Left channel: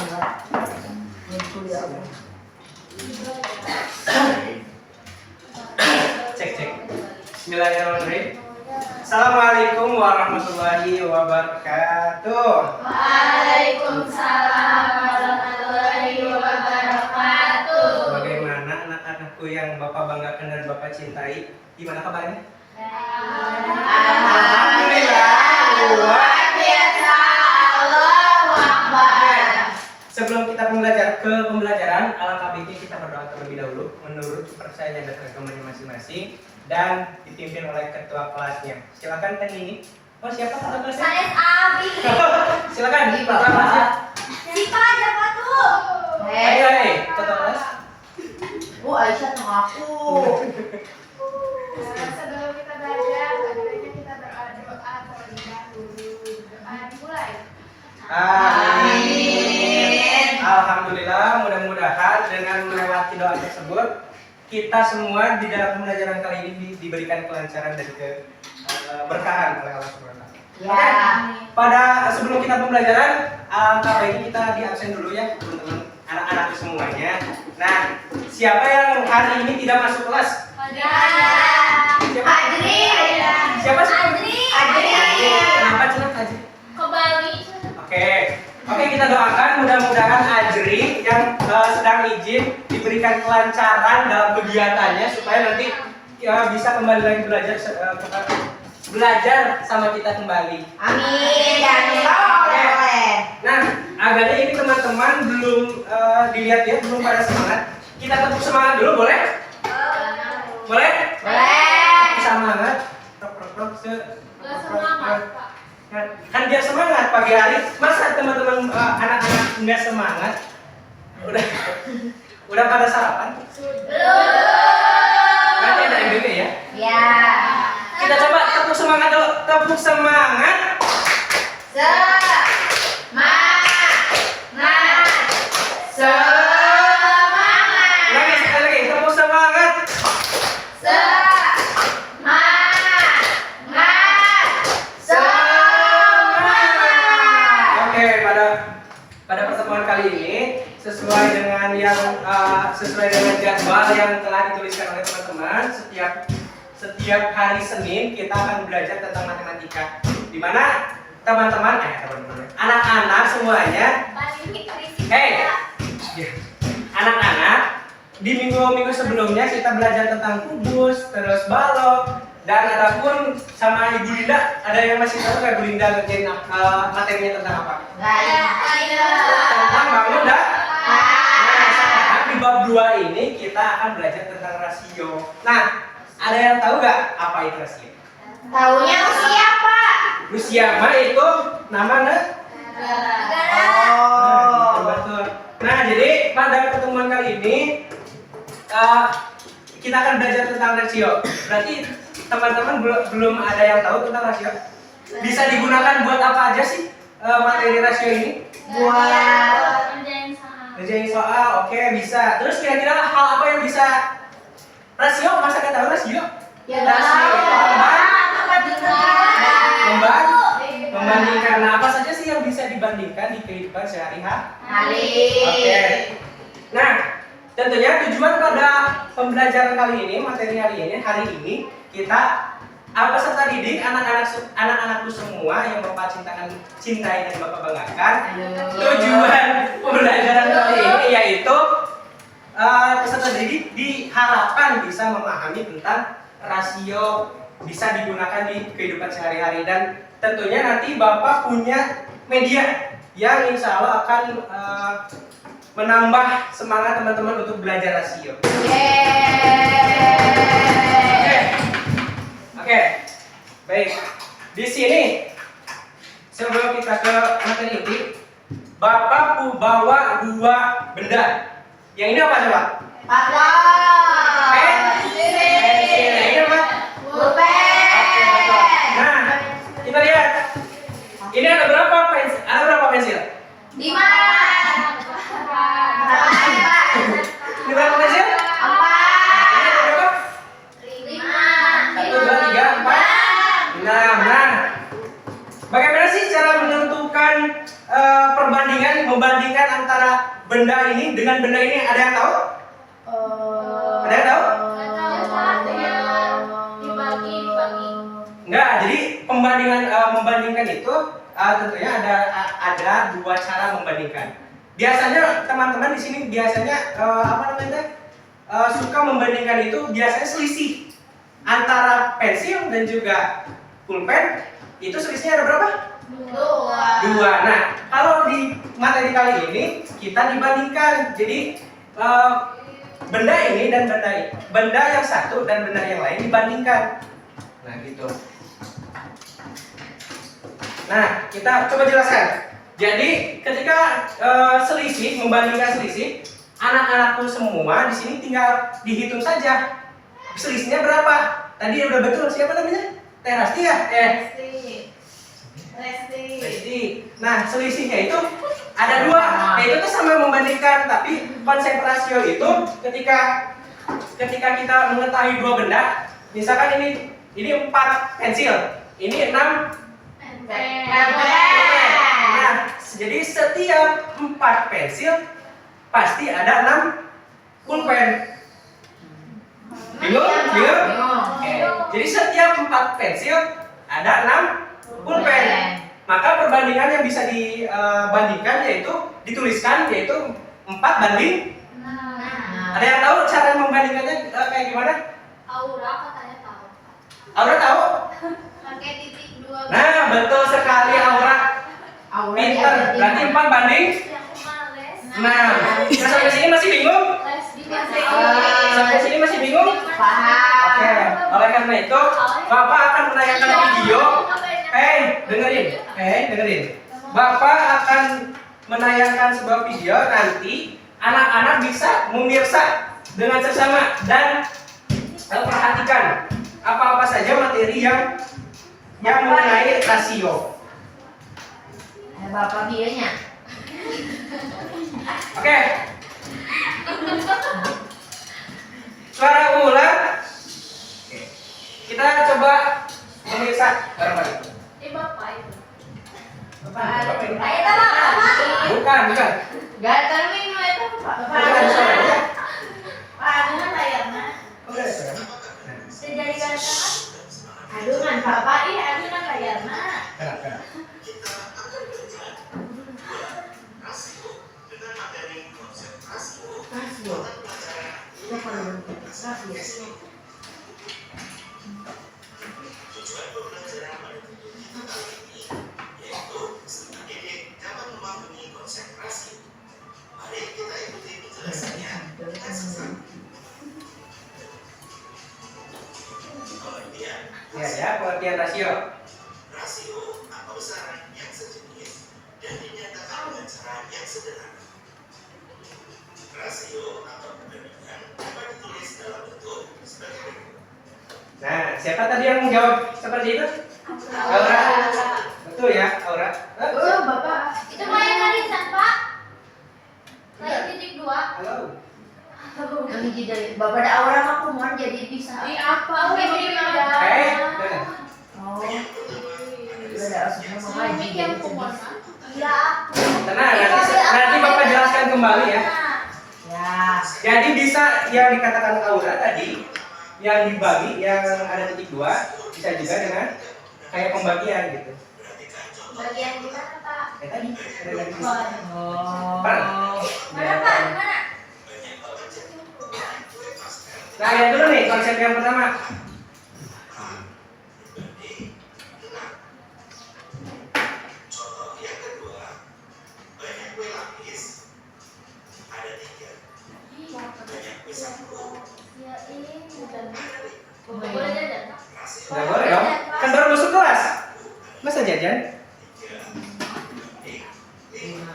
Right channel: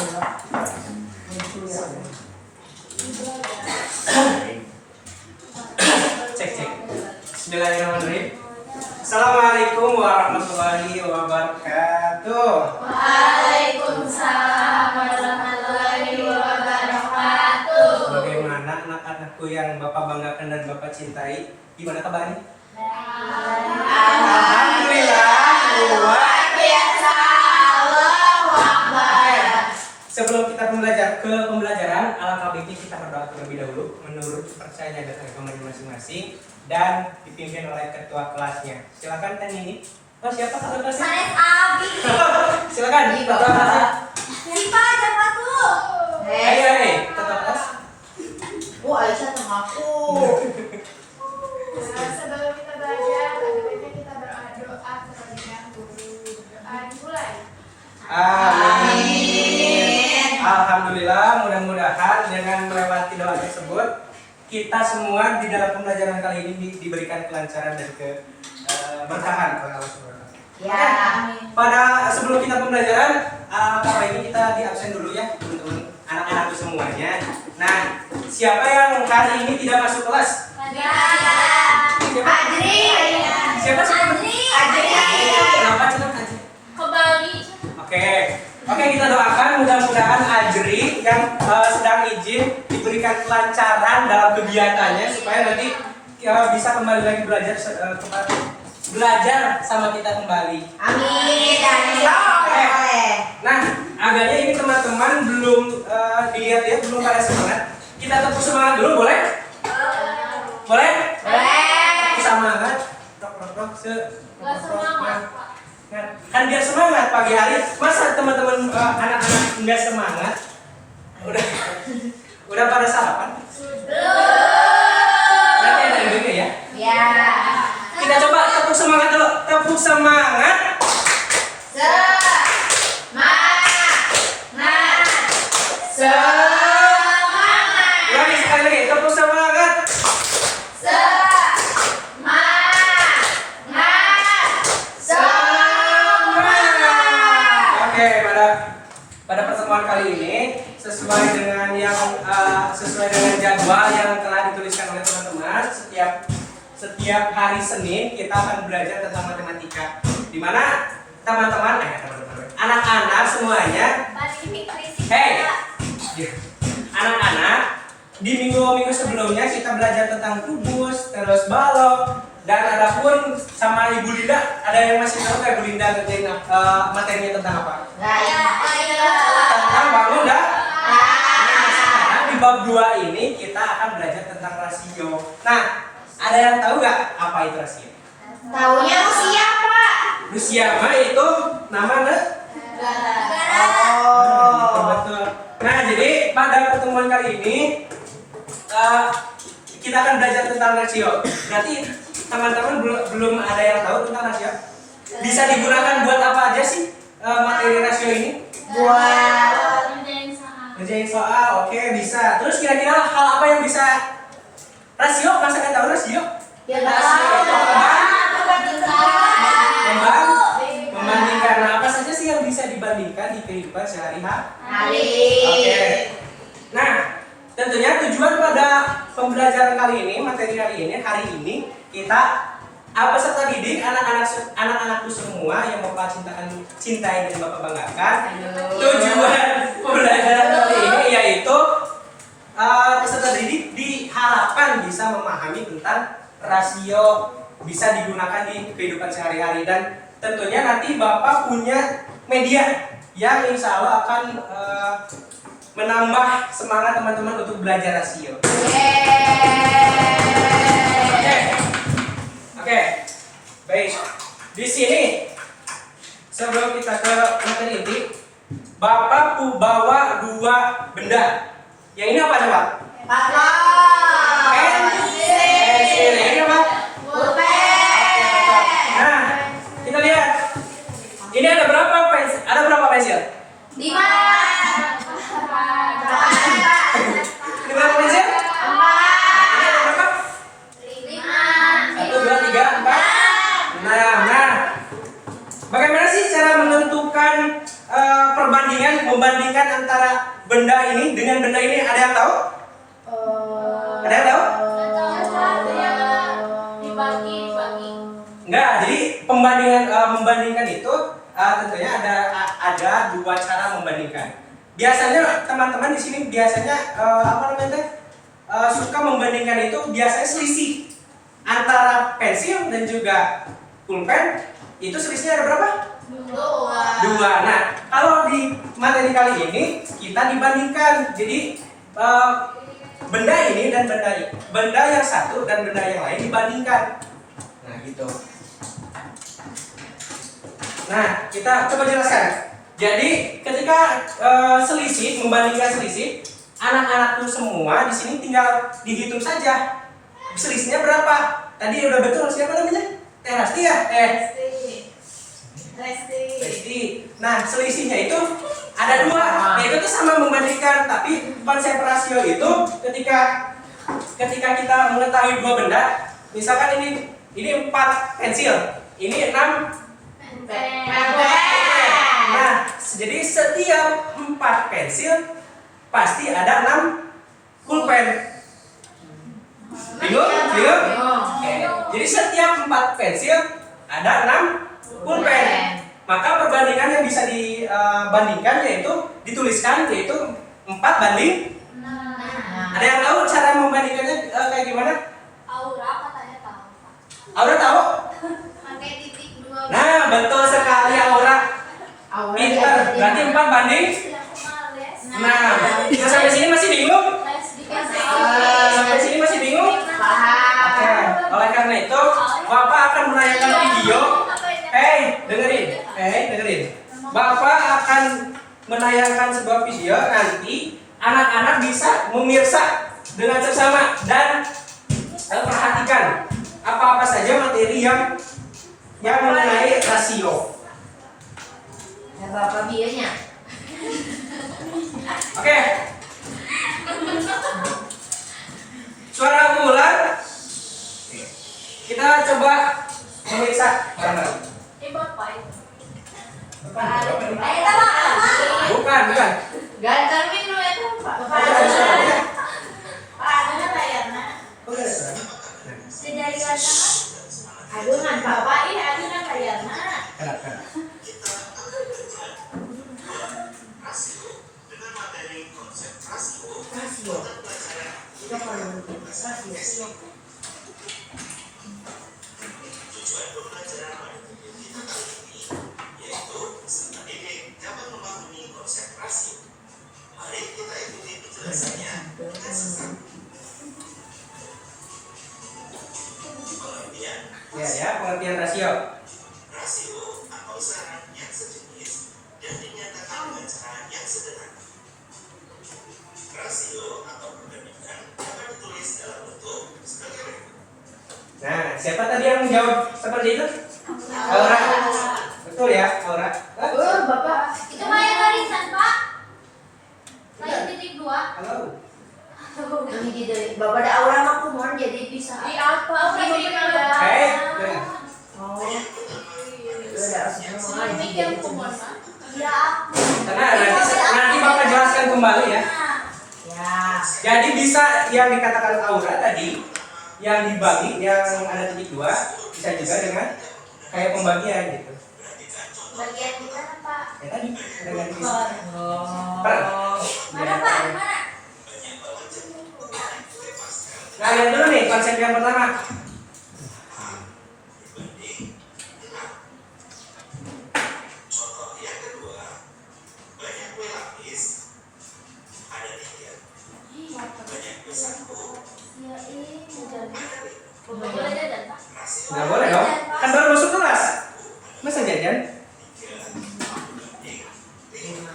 Cek. Bismillahirrahmanirrahim. Assalamualaikum warahmatullahi wabarakatuh. Waalaikumsalam warahmatullahi wabarakatuh. Bagaimana anak-anakku yang Bapak banggakan dan Bapak cintai? Gimana kabarnya? Alhamdulillah. Luar biasa. Allahu Akbar. Sebelum kita ke pembelajaran, alangkah baiknya kita berdoa terlebih dahulu menurut kepercayaan dan agamanya masing-masing dan dipimpin oleh ketua kelasnya. Silakan Teh Nini. Oh, siapa ketua kelasnya? Sanes Abi. Silakan ketua kelasnya. Siapa siapa tuh? Hei, ketua kelas. Bu Aisyah sama aku. Sebelum kita belajar, ada baiknya kita berdoa terlebih dahulu. Doa dimulai. Amin. Alhamdulillah, mudah-mudahan dengan melewati doa tersebut kita semua di dalam pembelajaran kali ini diberikan kelancaran dan keberkahan oleh Allah Subhanahu wa taala. Ya. Pada sebelum kita pembelajaran, alangkah baiknya kita di absen dulu ya, teman-teman, anak-anakku semuanya. Nah, siapa yang hari ini tidak masuk kelas? Siapa? Ajri. Siapa sih? Ajri. Kenapa cenah Ajri? Kembali. Oke, kita doakan mudah-mudahan Ajri yang sedang izin diberikan kelancaran dalam kegiatannya supaya nanti bisa kembali lagi belajar sama kita kembali. Amin. Dan Nah, agaknya ini teman-teman belum dilihat-lihat, belum pada semangat. Kita tepuk semangat dulu, boleh? Boleh? boleh. Semangat. Kan biar semangat pagi hari. Masa teman-teman anak-anak nggak semangat? Udah pada sarapan? Nanti ada ide ya. Ya. Kita coba tepuk semangat dulu. Tepuk semangat. Lagi sekali lagi. Tepuk semangat. Oke, pada pertemuan kali ini sesuai dengan jadwal yang telah dituliskan oleh teman-teman, setiap hari Senin kita akan belajar tentang matematika. Di mana teman-teman anak-anak semuanya, anak-anak di minggu-minggu sebelumnya kita belajar tentang kubus, terus balok, dan ada pun sama Ibu Linda, ada yang masih tahu nggak Ibu Linda ngerjain materinya tentang apa? Tentang bangun dah. Nah, sekarang di bab 2 ini kita akan belajar tentang rasio. Nah, ada yang tahu nggak apa itu rasio? Taunya usia, Pak. Rusia mah itu nama betul. Nah, jadi pada pertemuan kali ini kita akan belajar tentang rasio. Berarti teman-teman belum ada yang tahu tentang rasio? Bisa digunakan buat apa aja sih materi rasio ini? Buat Ngerjain soal, oke bisa. Terus kira-kira hal apa yang bisa rasio? Masa nggak tahu rasio? ya Rasio itu tahu. membandingkan. Nah, apa saja sih yang bisa dibandingkan di kehidupan sehari-hari? Oke. Nah, tentunya tujuan pada pembelajaran kali ini, materi hari ini kita peserta didik anak-anakku semua yang Bapak cintai dan Bapak banggakan. Tujuan pembelajaran kali ini yaitu peserta didik diharapkan bisa memahami tentang rasio, bisa digunakan di kehidupan sehari-hari, dan tentunya nanti Bapak punya media yang insya Allah akan menambah semangat teman-teman untuk belajar rasio. Oke, baik. Di sini sebelum kita ke materi inti, Bapak bawa 2 benda. Yang ini apa coba? Pensil. Ini apa? Nah, kita lihat. Ini ada berapa pensil? Ada berapa pensil? 5. Ini berapa pensil? 4. Ini ada berapa? 1, 2, 3, 4. Nah. Bagaimana sih cara menentukan membandingkan antara benda ini dengan benda ini, ada yang tahu? Ada yang tahu? Dibagi. Enggak, jadi membandingkan itu tentunya ada dua cara membandingkan. Biasanya teman-teman di sini biasanya suka membandingkan itu biasanya selisih antara pensil dan juga pulpen. Itu selisihnya ada berapa? 2. Nah, kalau di materi kali ini kita dibandingkan. Jadi benda ini dan benda yang satu dan benda yang lain dibandingkan. Nah, gitu. Nah, kita coba jelaskan. Jadi, ketika membandingkan selisih, anak-anakku semua di sini tinggal dihitung saja. Selisihnya berapa? Tadi udah betul, siapa namanya? Teh Rasti ya? Resti. Nah, selisihnya itu ada 2. Nah, itu tuh sama membandingkan, tapi konsep rasio itu ketika kita mengetahui 2 benda, misalkan ini 4 pensil, ini 6 Nah, jadi setiap 4 pensil pasti ada 6 pulpen. Bingung? Oke. Jadi setiap 4 pensil ada 6 pulpen. Maka perbandingan yang bisa dibandingkan dituliskan yaitu 4 banding. Ada yang tahu cara membandingkannya kayak gimana? Aura katanya tahu. Aura tahu? Pakai titik 2. Nah, betul sekali Aura. Pinter. Berarti 4 banding. Nah, sampai sini masih bingung? Sampai sini masih bingung? Oke. Oleh karena itu, Bapak akan menayangkan video. Dengerin. Bapak akan menayangkan sebuah video, nanti anak-anak bisa memirsa dengan seksama dan perhatikan apa-apa saja materi yang mengenai rasio. Ada Bapak bionya. Oke. Suara ulang. Kita coba memirsa bareng-bareng. Bapak itu. Bukan. Gantar minggu itu Pak. Bukan ada suaranya. Ada layarnya. Bukan ada suaranya. Sejari kata. Aduh kan Bapak ada layarnya. Kenapa? Rasio. Coba dulu. Rasio. Ya, pengertian rasio. Rasio atau usaha yang sejenis dan dinyatakan dengan cara yang sederhana. Rasio atau perbandingan dapat ditulis dalam bentuk sebagai berikut. Nah, siapa tadi yang menjawab seperti itu? Aura. Betul ya, Aura. Bapak. Itu mah yang arisan, Pak. Kayak titik 2. Halo. Ini jadi Bapak ada aura mah kumohon jadi bisa. Di apa? Nah. Oh. Udah semua Mimik yang kumon, Pak. Iya. Tenang, nanti Bapak jelaskan kembali ya. Ya. Jadi bisa yang dikatakan Aura tadi, yang dibagi, yang ada titik 2, bisa juga dengan kayak pembagian gitu. Bagian di mana, Pak? Tadi ada garis. Oh. Mana, Pak? Di mana? Nah, lihat dulu nih konsep yang pertama. Contoh yang kedua, banyak kue lapis ada 3. Banyak kue saku Ya ini dan ada 5. boleh jajan, Pak. Nggak boleh dong, kan baru masuk kelas. Masa jajan? 5.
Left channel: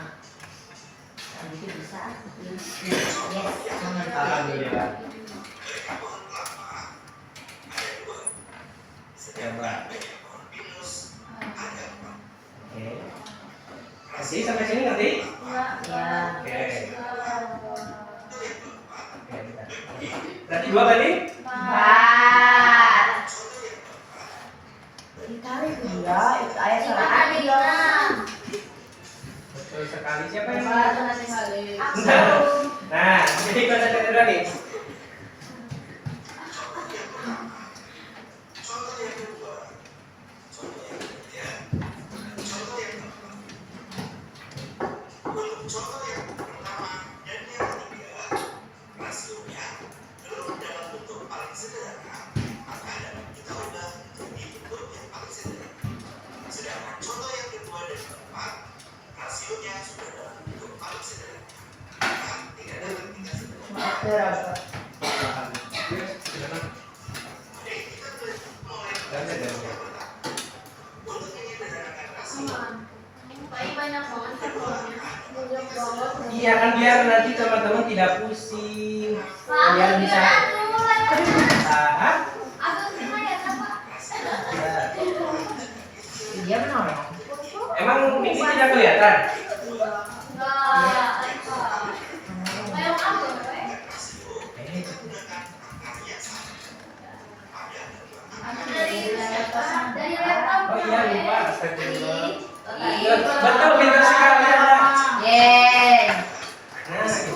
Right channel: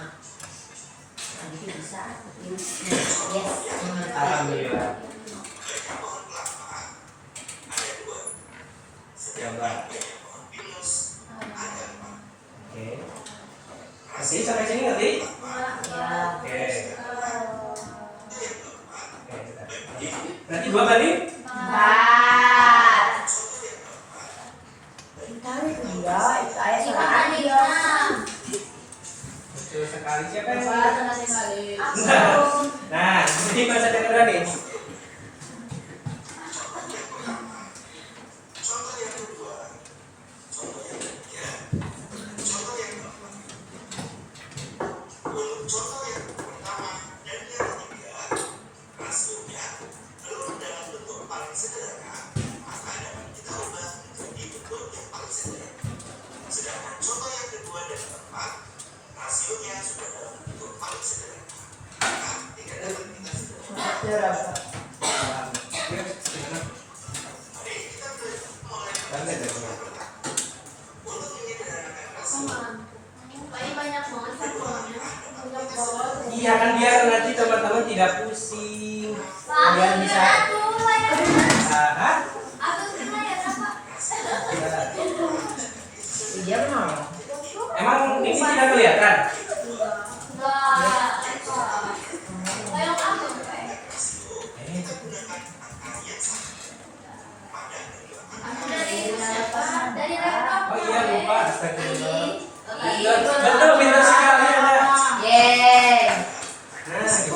Jadi bisa. Yes. Alhamdulillah. Banyak pohon kelapa ada 2. Coba. Banyak pohon pinus ada 4. Oke. Ngerti sampai sini ngerti? Ya. Oke. Berarti 2 banding? 4. Ditarik dia, itu ayah salah. Betul sekali. Siapa yang Bapak, Nah, jadi konsep yang kedua nih. Contoh yang kedua, contoh yang ketiga, contoh yang keempat. Untuk contoh yang pertama dan yang ketiga, rasionya belum dalam bentuk paling sederhana, maka dapat kita ubah menjadi bentuk yang paling sederhana. Sedangkan contoh yang kedua dan keempat, rasionya sudah dalam bentuk paling sederhana, maka tidak dapat kita sederhana. Berapa? Mari kita mulai untuk menyederhanakan rasio. Banyak banget formulanya. Banyak banget. Iya kan biar nanti teman-teman tidak pusing. Kalian bisa. Ah, ya. Iya benar. Emang ini tidak kelihatan? Oh iya lupa, astagfirullah. Betul, pintar sekali Anda. Yeay. Nah, gitu.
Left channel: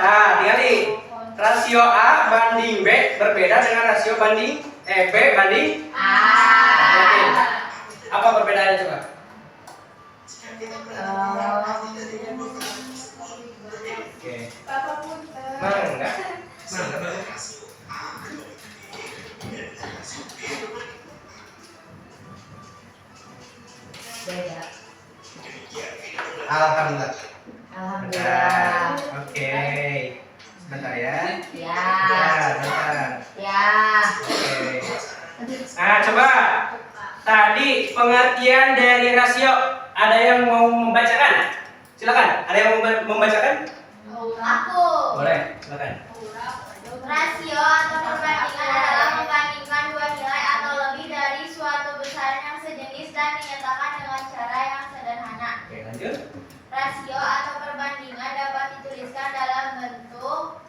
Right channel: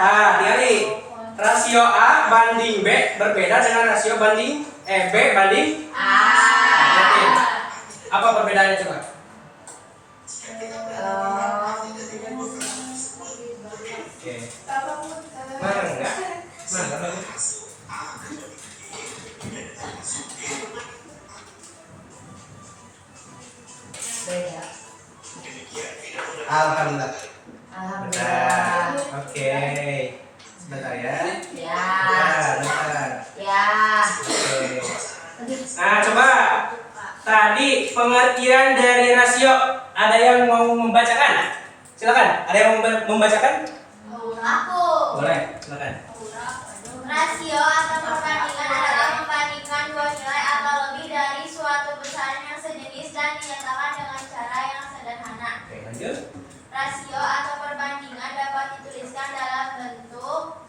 Nah, lihat rasio A banding B berbeda dengan rasio banding B banding Oke. Apa perbedaannya coba? Oke. Mana enggak? Mana enggak? Beda. Alhamdulillah. Alhamdulillah. Oke. Sebentar ya. Ya. Bentar. Ya. Oke. Nah, coba. Tadi pengertian dari rasio. Ada yang mau membacakan? Silakan. Ada yang mau membacakan? Aku. Boleh, silakan. Rasio atau perbandingan adalah membandingkan dua nilai atau lebih dari suatu besaran yang sejenis dan dinyatakan dengan cara yang sederhana. Oke, lanjut. Rasio atau perbandingan dapat dituliskan dalam bentuk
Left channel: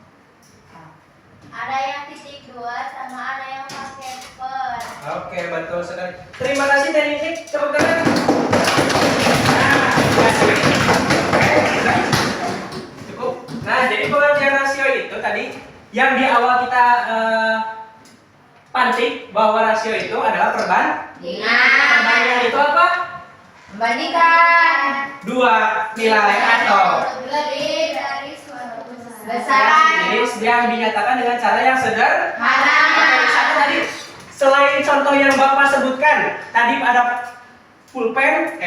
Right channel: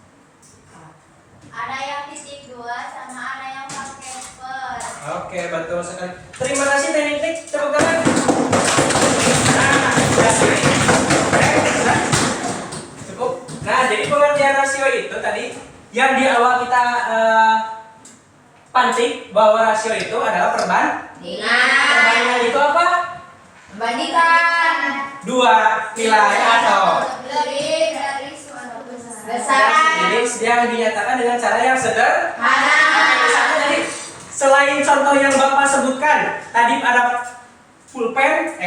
ada yang titik dua sama ada yang pakai per. Oke, betul sekali. Terima kasih teknik. Tepuk tangan. Cukup. Nah, jadi pengertian rasio itu tadi yang di awal kita pantik bahwa rasio itu adalah perbandingan itu apa? Membandingkan Dua nilai atau Lebih dari suatu besaran ini yang dinyatakan dengan cara yang sederhana. Oke, misalnya tadi selain contoh yang Bapak sebutkan, tadi ada pulpen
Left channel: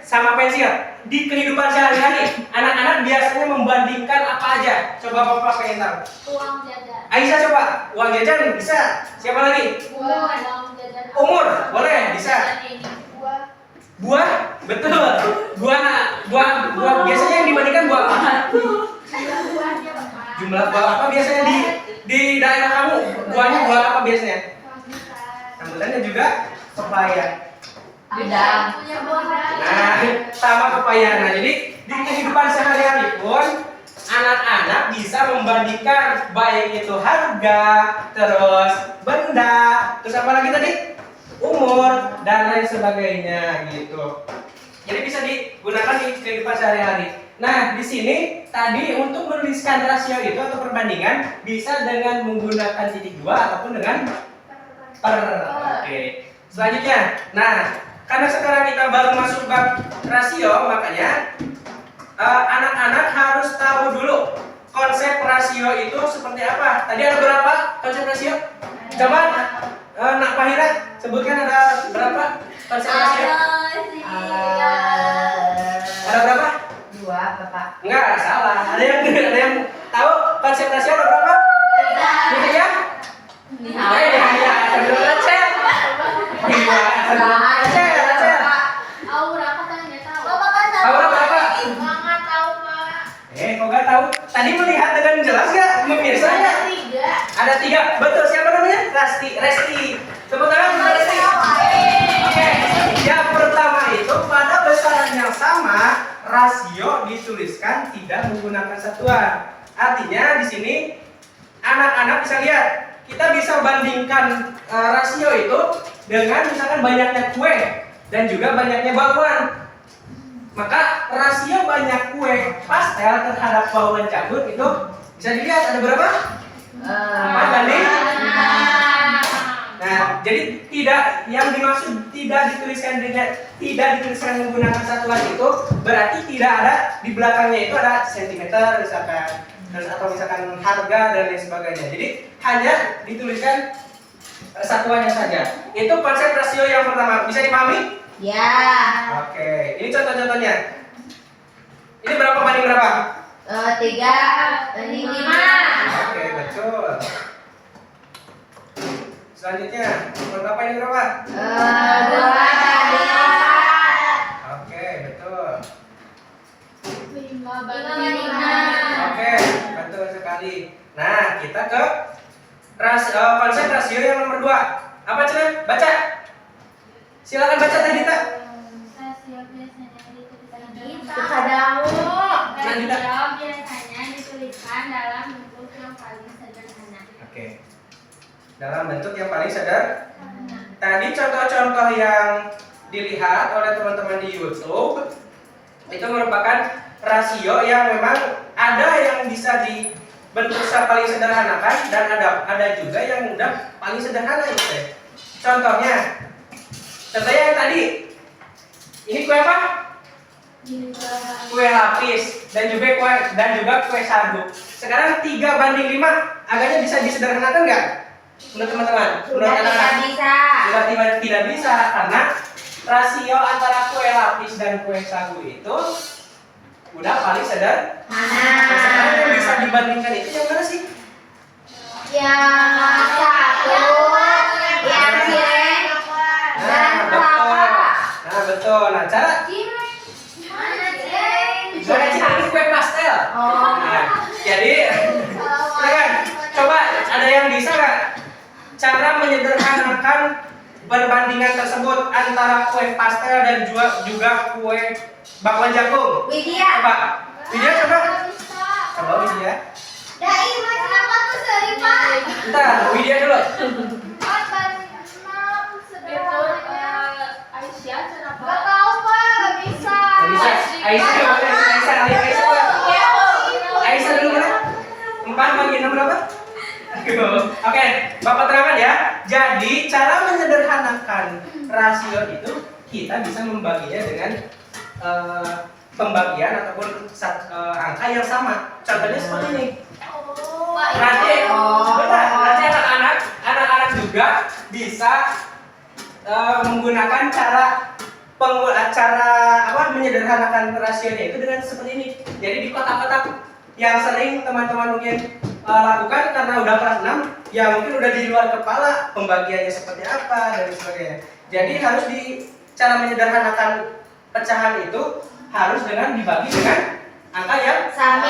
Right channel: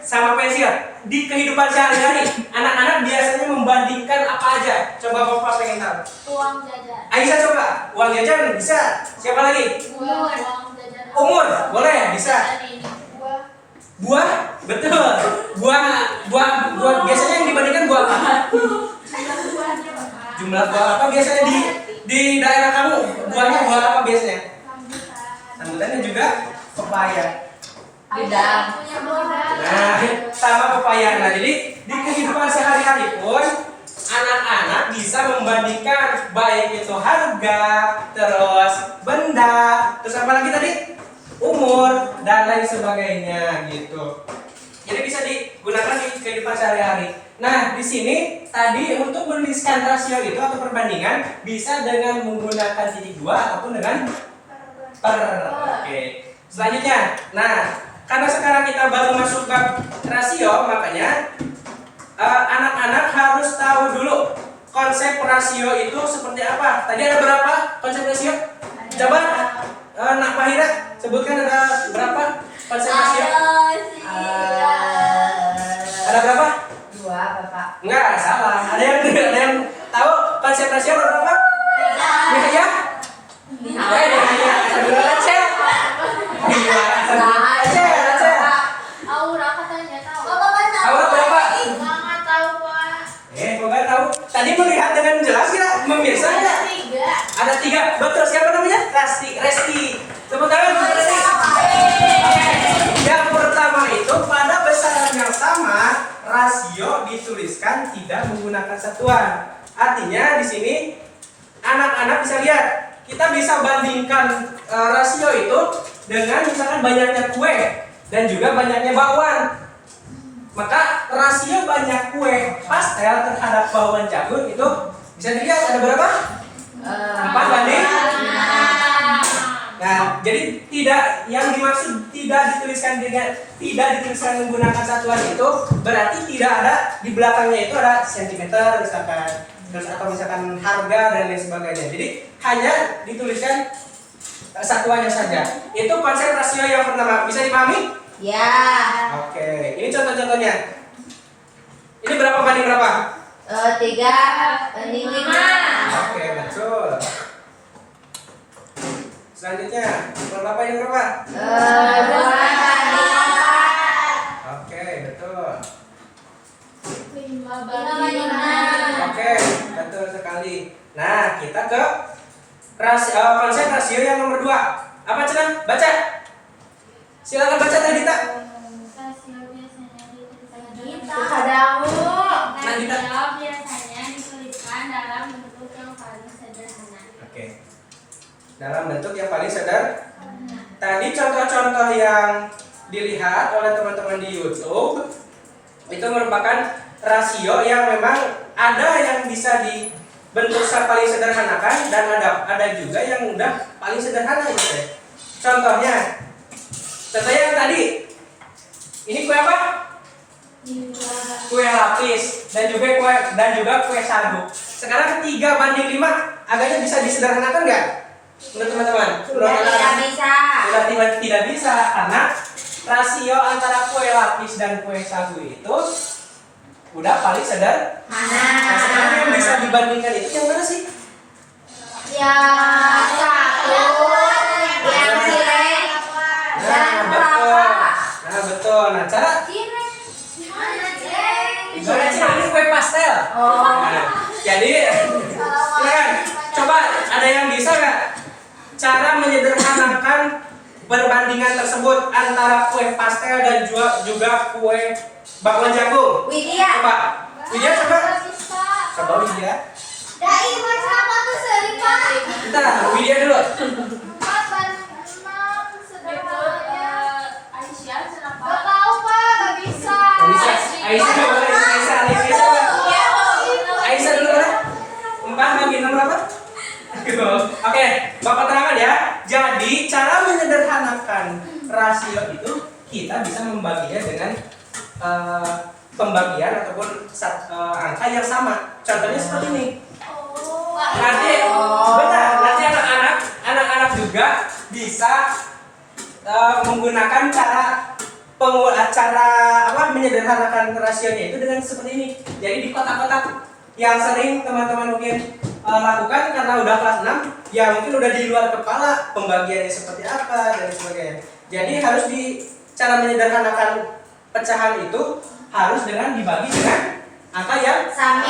sama pensil. Di kehidupan sehari-hari, anak-anak biasanya membandingkan apa aja? Coba Bapak pengen tahu. uang jajan. Aisyah coba, uang jajan bisa. Siapa lagi? Uang jajan. Umur, boleh, bisa. Buah, betul. Buah biasanya yang dibandingkan buah apa? Buahnya Bapak. Jumlah buah apa biasanya di daerah kamu? Buahnya buah apa biasanya? Rambutannya juga pepaya. Bidang. Punya modal. Nah, sama pepaya. Nah, jadi di kehidupan sehari-hari pun anak-anak bisa membandingkan baik itu harga, terus benda, terus apa lagi tadi? Umur dan lain sebagainya gitu. Jadi bisa digunakan di kehidupan sehari-hari. Nah, di sini tadi untuk menuliskan rasio itu atau perbandingan bisa dengan menggunakan titik dua ataupun dengan per. Oke. Selanjutnya, nah karena sekarang kita baru masuk ke rasio, makanya anak-anak harus tahu dulu konsep rasio itu seperti apa. Tadi ada berapa konsep rasio? Coba Nak Fahira sebutkan ada berapa konsep rasio? Ada berapa? Dua, Bapak. Enggak, salah. Ada yang tahu konsep rasio ada berapa? Ya? Ya. Aura katanya tahu. Bapak kan tahu. Aura berapa? Nggak tahu, Pak. Kok nggak tahu? Tadi melihat dengan jelas nggak? Pemirsa nggak? Ada 3. Betul. Siapa namanya? Resti. Tepuk tangan untuk Resti. Oke. Yang pertama itu pada besaran yang sama rasio dituliskan tidak menggunakan satuan. Artinya di sini anak-anak bisa lihat, kita bisa bandingkan rasio itu dengan misalkan banyaknya kue dan juga banyaknya bakwan. Maka rasio banyak kue pastel terhadap bakwan jagung itu bisa dilihat ada berapa? 4 banding. Nah, jadi tidak, yang dimaksud tidak dituliskan menggunakan satuan itu berarti tidak ada di belakangnya itu ada sentimeter misalkan, terus atau misalkan harga dan lain sebagainya. Jadi hanya dituliskan satuannya saja. Itu konsep rasio yang pertama. Bisa dipahami? Ya. Oke, ini contoh-contohnya. Ini berapa banding berapa? 3 banding 5. Oke, betul. Selanjutnya, berapa ini berapa? 2 banding 4. Oke, betul. 5 banding 6. Oke, betul sekali. Nah, kita ke konsep rasio yang nomor 2. Apa Cina? Baca. Silakan baca tadi tak. Rasio biasanya dituliskan Kepadamu. Rasio biasanya dituliskan dalam bentuk yang paling sederhana. Oke. Dalam bentuk yang paling sederhana. Tadi contoh-contoh yang dilihat oleh teman-teman di YouTube itu merupakan rasio yang memang ada yang bisa dibentuk paling sederhanakan dan ada juga yang udah paling sederhana gitu. Contohnya yang tadi ini kue apa? Kue lapis dan juga kue sagu. Sekarang 3 banding 5 agaknya bisa disederhanakan nggak? Menurut teman-teman? Sudah tidak bisa. Sudah tidak bisa karena rasio antara kue lapis dan kue sagu itu udah paling sederhana. Nah, sekarang yang bisa dibandingkan itu yang mana sih? Yang satu, yang cireng, dan kelapa. Nah, betul. Nah, cara gimana sih? Ini kue pastel. Oh. Nah, jadi silakan coba ada yang bisa nggak cara menyederhanakan perbandingan tersebut antara kue pastel dan juga kue bakwan jagung? Widya. Coba, Widya coba. Bisa. Coba Widya. Dai macam apa tuh sering Pak? Bentar, Widya dulu. 4 banding 6 sederhananya. Aisyah kenapa? Gak tahu Pak, gak bisa. Aisyah dulu boleh. Aisyah dulu boleh. 4 bagi 6 berapa? Oke, Bapak terangkan ya. Jadi cara menyederhanakan rasio itu kita bisa membaginya dengan pembagian ataupun angka yang sama. Contohnya seperti ini. Nanti, benar. Nanti anak-anak juga bisa menggunakan cara menyederhanakan rasionya itu dengan seperti ini. Jadi di kotak-kotak yang sering teman-teman mungkin lakukan karena udah kelas 6, ya mungkin udah di luar kepala pembagiannya seperti apa dan sebagainya. Jadi harus cara menyederhanakan pecahan itu harus dengan dibagi dengan angka yang sama.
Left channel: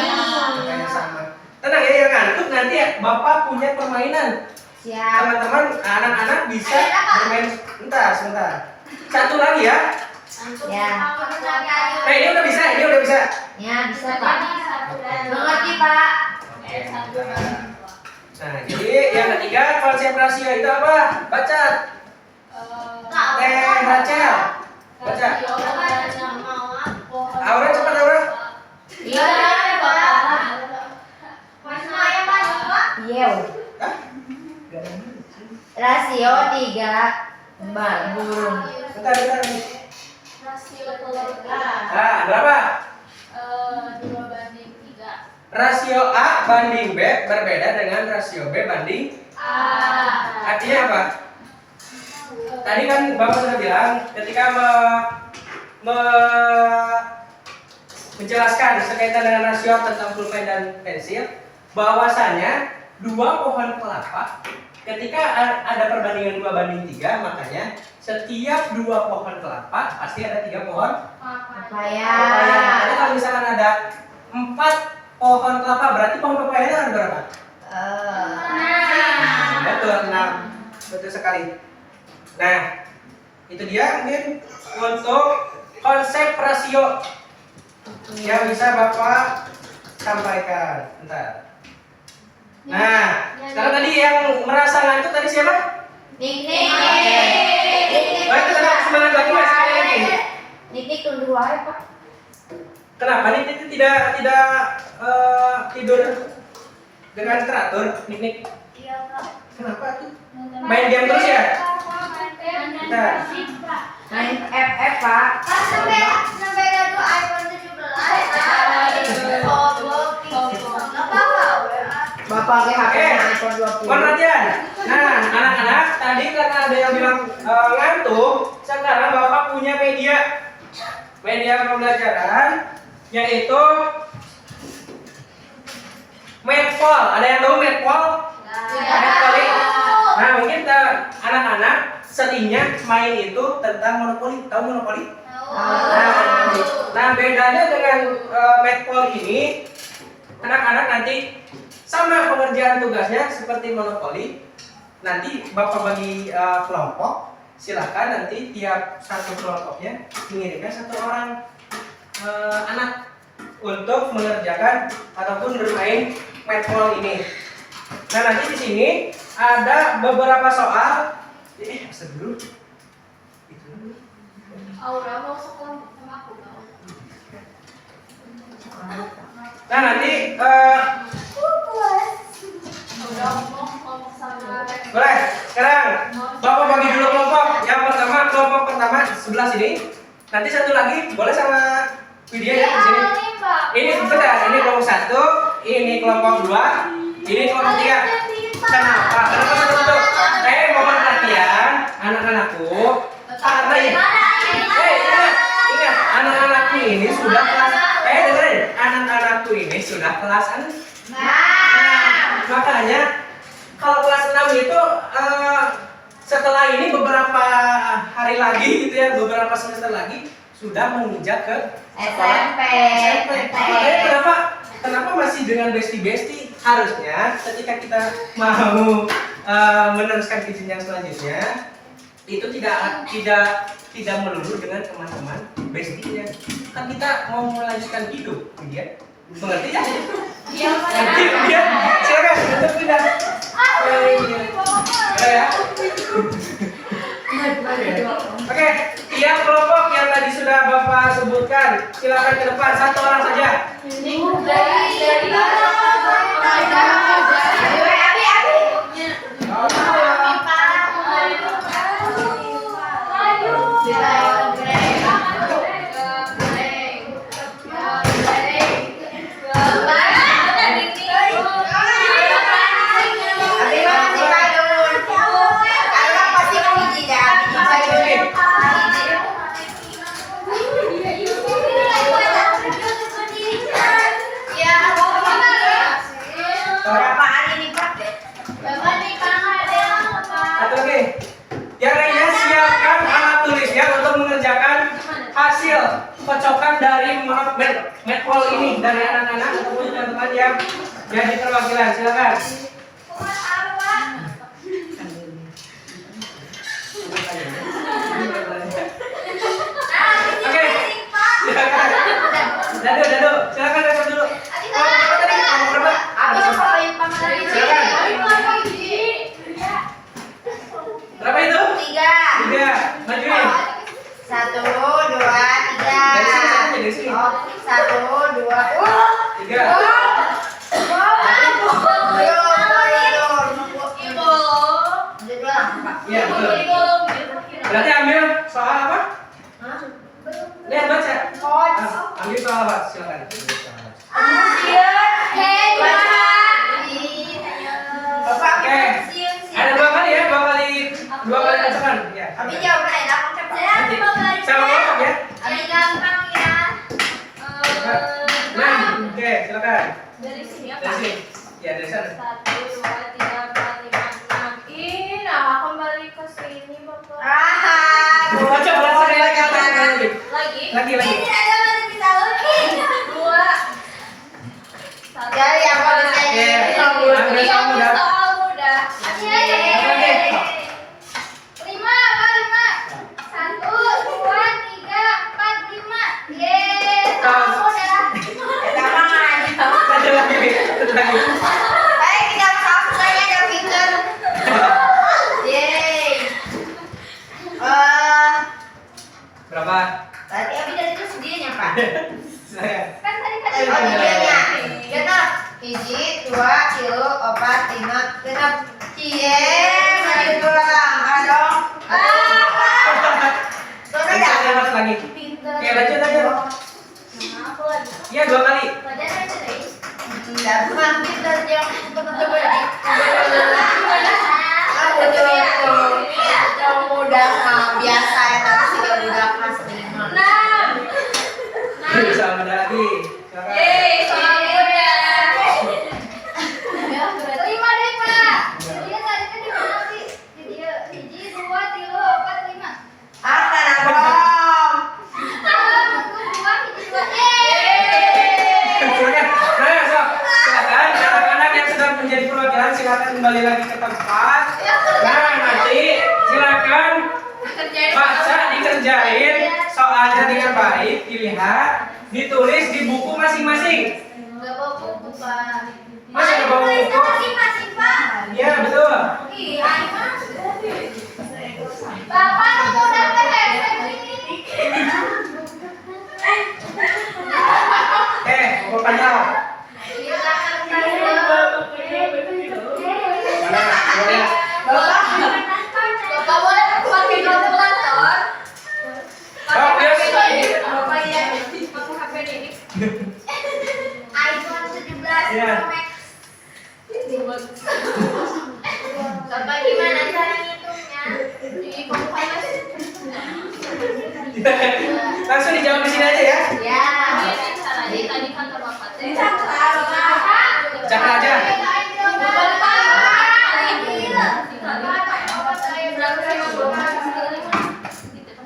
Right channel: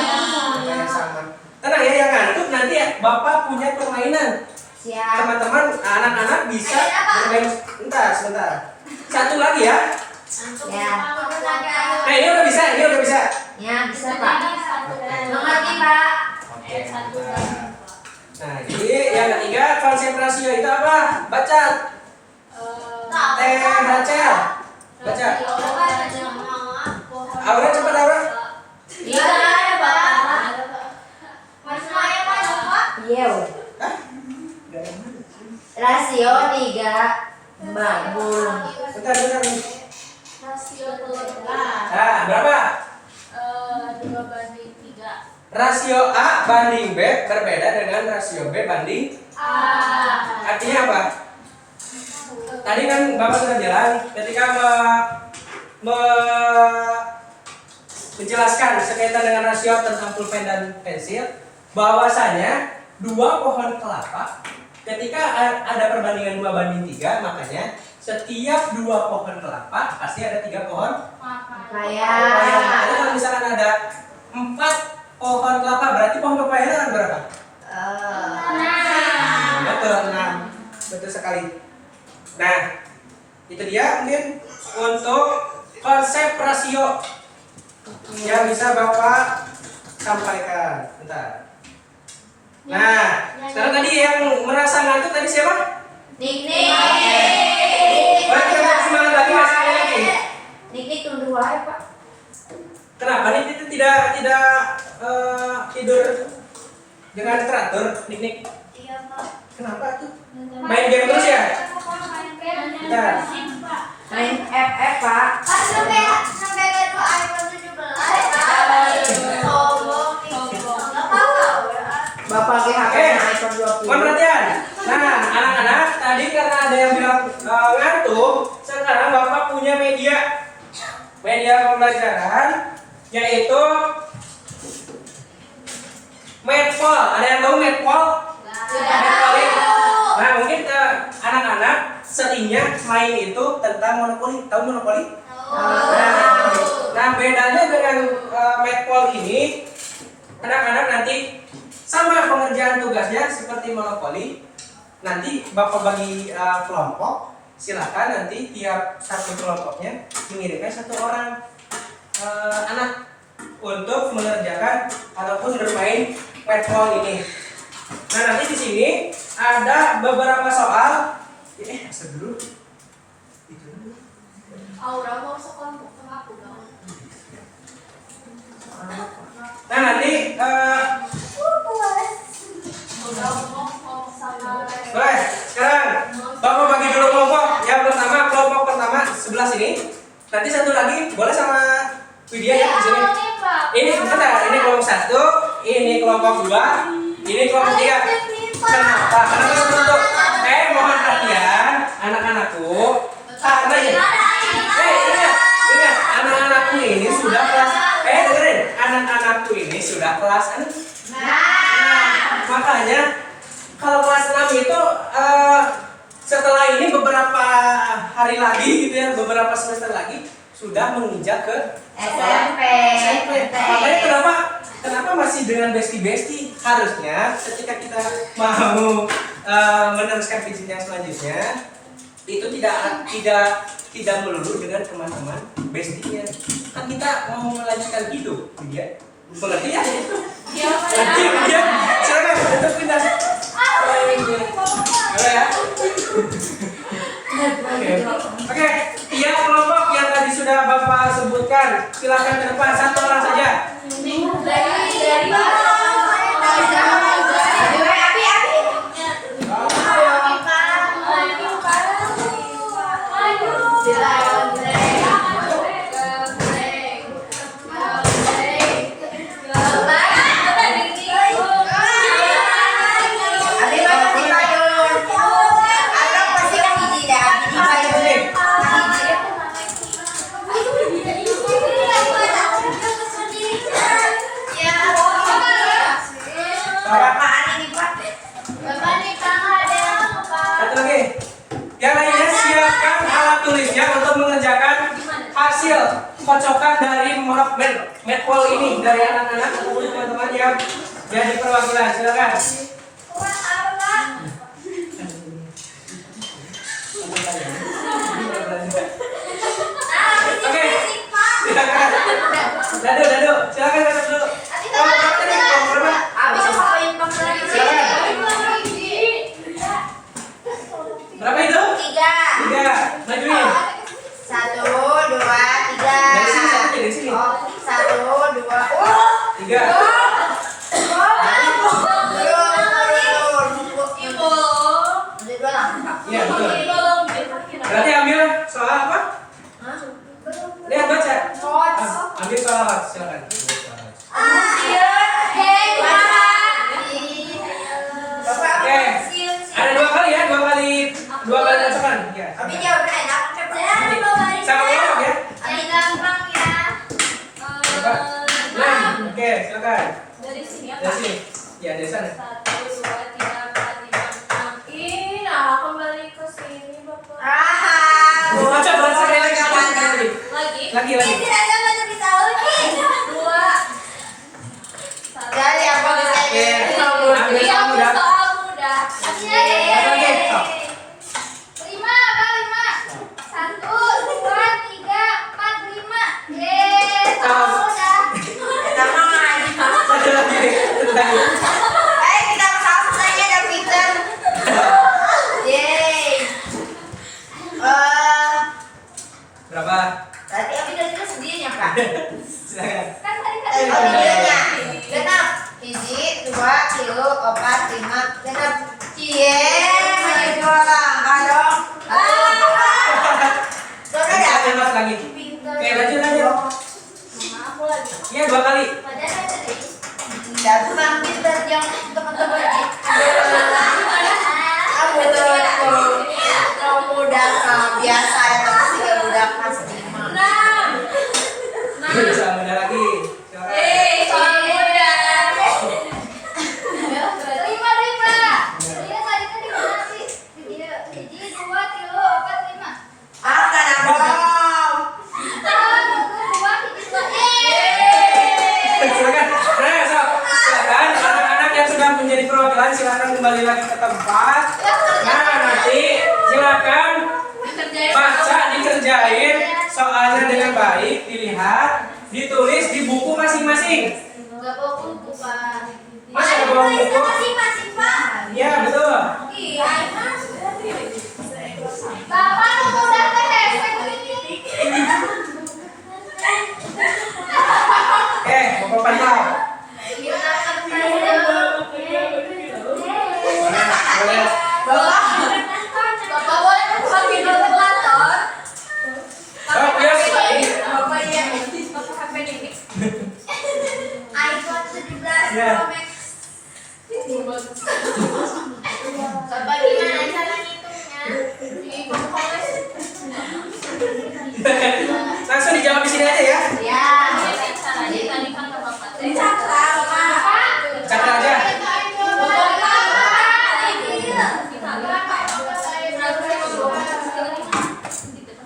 Tenang ya, yang ngantuk nanti ya, Bapak punya permainan. Siap. Teman-teman, anak-anak bisa bermain. Sebentar. Satu lagi ya. Ya. Nah, ini udah bisa. Ya, bisa Pak. Mengerti Pak. Oke, sebentar. Nah, jadi yang ketiga konsep rasio itu apa? Baca. Rachel. Baca. Aura cepat Aura. Iya. Iya. Hah? Rasio 3 belum. Bentar. Rasio telur Nah, berapa? 2 banding 3. Rasio A banding B berbeda dengan rasio B banding artinya apa? Tadi kan Bapak sudah bilang ketika menjelaskan sekaitan dengan rasio tentang pulpen dan pensil bahwasanya 2 pohon kelapa ketika ada perbandingan 2 banding 3, makanya setiap 2 pohon kelapa pasti ada 3 pohon Papaya. Jadi kalau misalkan ada 4 pohon kelapa berarti pohon papaya ada berapa? Betul, 6. Betul sekali. Nah, itu dia mungkin untuk konsep rasio yang bisa Bapak sampaikan. Bentar. Nah, sekarang tadi yang merasa ngantuk tadi siapa? Nik. Boleh kita semangat lagi mas, sekali lagi. Nik tunduh wae, Pak. Kenapa nih itu tidak tidur dengan teratur, Nik? Iya, Pak. Kenapa tuh? Main game terus ya? Bentar. Main FF, Pak. Pas sampai gak tuh iPhone 17, Pak. Sombong, nggak apa-apa, ya. Bapak ke HP iPhone 20. Mohon perhatian. Nah, anak-anak tadi karena ada yang bilang ngantuk, sekarang Bapak punya media pembelajaran yaitu Medpol. Ada yang tahu Medpol? Medpol ini. Nah, mungkin anak-anak seringnya main itu tentang monopoli. Tahu monopoli? Nah, bedanya dengan Medpol ini, anak-anak nanti sama pengerjaan tugasnya seperti monopoli. Nanti Bapak bagi kelompok, silahkan nanti tiap satu kelompoknya mengirimkan satu orang anak untuk mengerjakan ataupun bermain Medpol ini. Nah, nanti di sini ada beberapa soal. Dulu. Aura mau sekelompok sama aku nggak? Nah, nanti Udah ngomong sama boleh. Sekarang Bapak bagi dulu kelompok. Yang pertama, kelompok pertama sebelah sini. Nanti satu lagi boleh sama Widya ya di sini. Ini sebentar, ini kelompok satu, ini kelompok dua, ini kelompok tiga. Kenapa? Kenapa satu? Mohon perhatian anak-anakku. Karena ya, ingat, anak-anakku ini sudah kelas. Dengerin, anak-anakku ini sudah kelas 6. Makanya kalau kelas 6 itu setelah ini beberapa hari lagi gitu ya, beberapa semester lagi sudah menginjak ke sekolah SMP. Makanya kenapa masih dengan besti-besti? Harusnya ketika kita mau meneruskan ke jenjang selanjutnya itu tidak melulu dengan teman-teman bestinya. Kan kita mau melanjutkan hidup, dia mengerti ya? Mengerti ya? Silakan untuk pindah. Ya. Oke, tiap kelompok yang tadi sudah Bapak sebutkan, silakan ke depan satu orang saja. Satu lagi. Yang lainnya siapkan alat tulisnya untuk mengerjakan hasil kocokan dari Medpol ini dari anak-anak ataupun teman-teman yang jadi perwakilan. Silakan. Oke. Silakan. Dadu. Silakan datang dulu. Silakan. Berapa itu? 3. Majuin. 1, 2, 3. Dari sini satu dari sini. 1, 2. 3. Iya betul. Berarti ambil soal apa? Lihat baca. Ambil soal apa? Silakan. Oke. Ada 2 kali ya, 2 kali bacakan. Ya. Abi jawaban enak Sama kelompok ya. Gampang ya. Nah, oke, silakan. Dari sini ya, Dari Pak? sini. Ya, dari sana. 1, 2, 3, 4, 5, 6. Nah, kembali ke sini, Bapak. Baca sekali lagi. Lagi. Lagi. Tidak ada yang bisa lagi. 2. Dari apa bisa ini? Ambil soal mudah. Soal mudah. Oke. 5, apa 5? 1, 2, 3, 4, 5. Yeay, Tahu. udah. Kita mangan. Satu lagi. Baik, kita ngerjain soalnya dengan baik, dilihat, ditulis di buku masing-masing. Enggak bawa buku, Pak. Masa nggak bawa buku? Tulis masing-masing, Pak. Iya betul. Iya, Bapak tuh udah THC begini. Bapak pantau. Kita Mana? Boleh. Bapak boleh pakai kalkulator. Oh, yes. Bapak ya, pakai HP ini. iPhone 17 Iya. Pro Max. Bapak gimana cara ngitungnya? Di kompas. Langsung dijawab di sini aja ya. Ya. Jadi caranya tadi kata Bapak. Jadi cakra, Bapak. Cakra aja.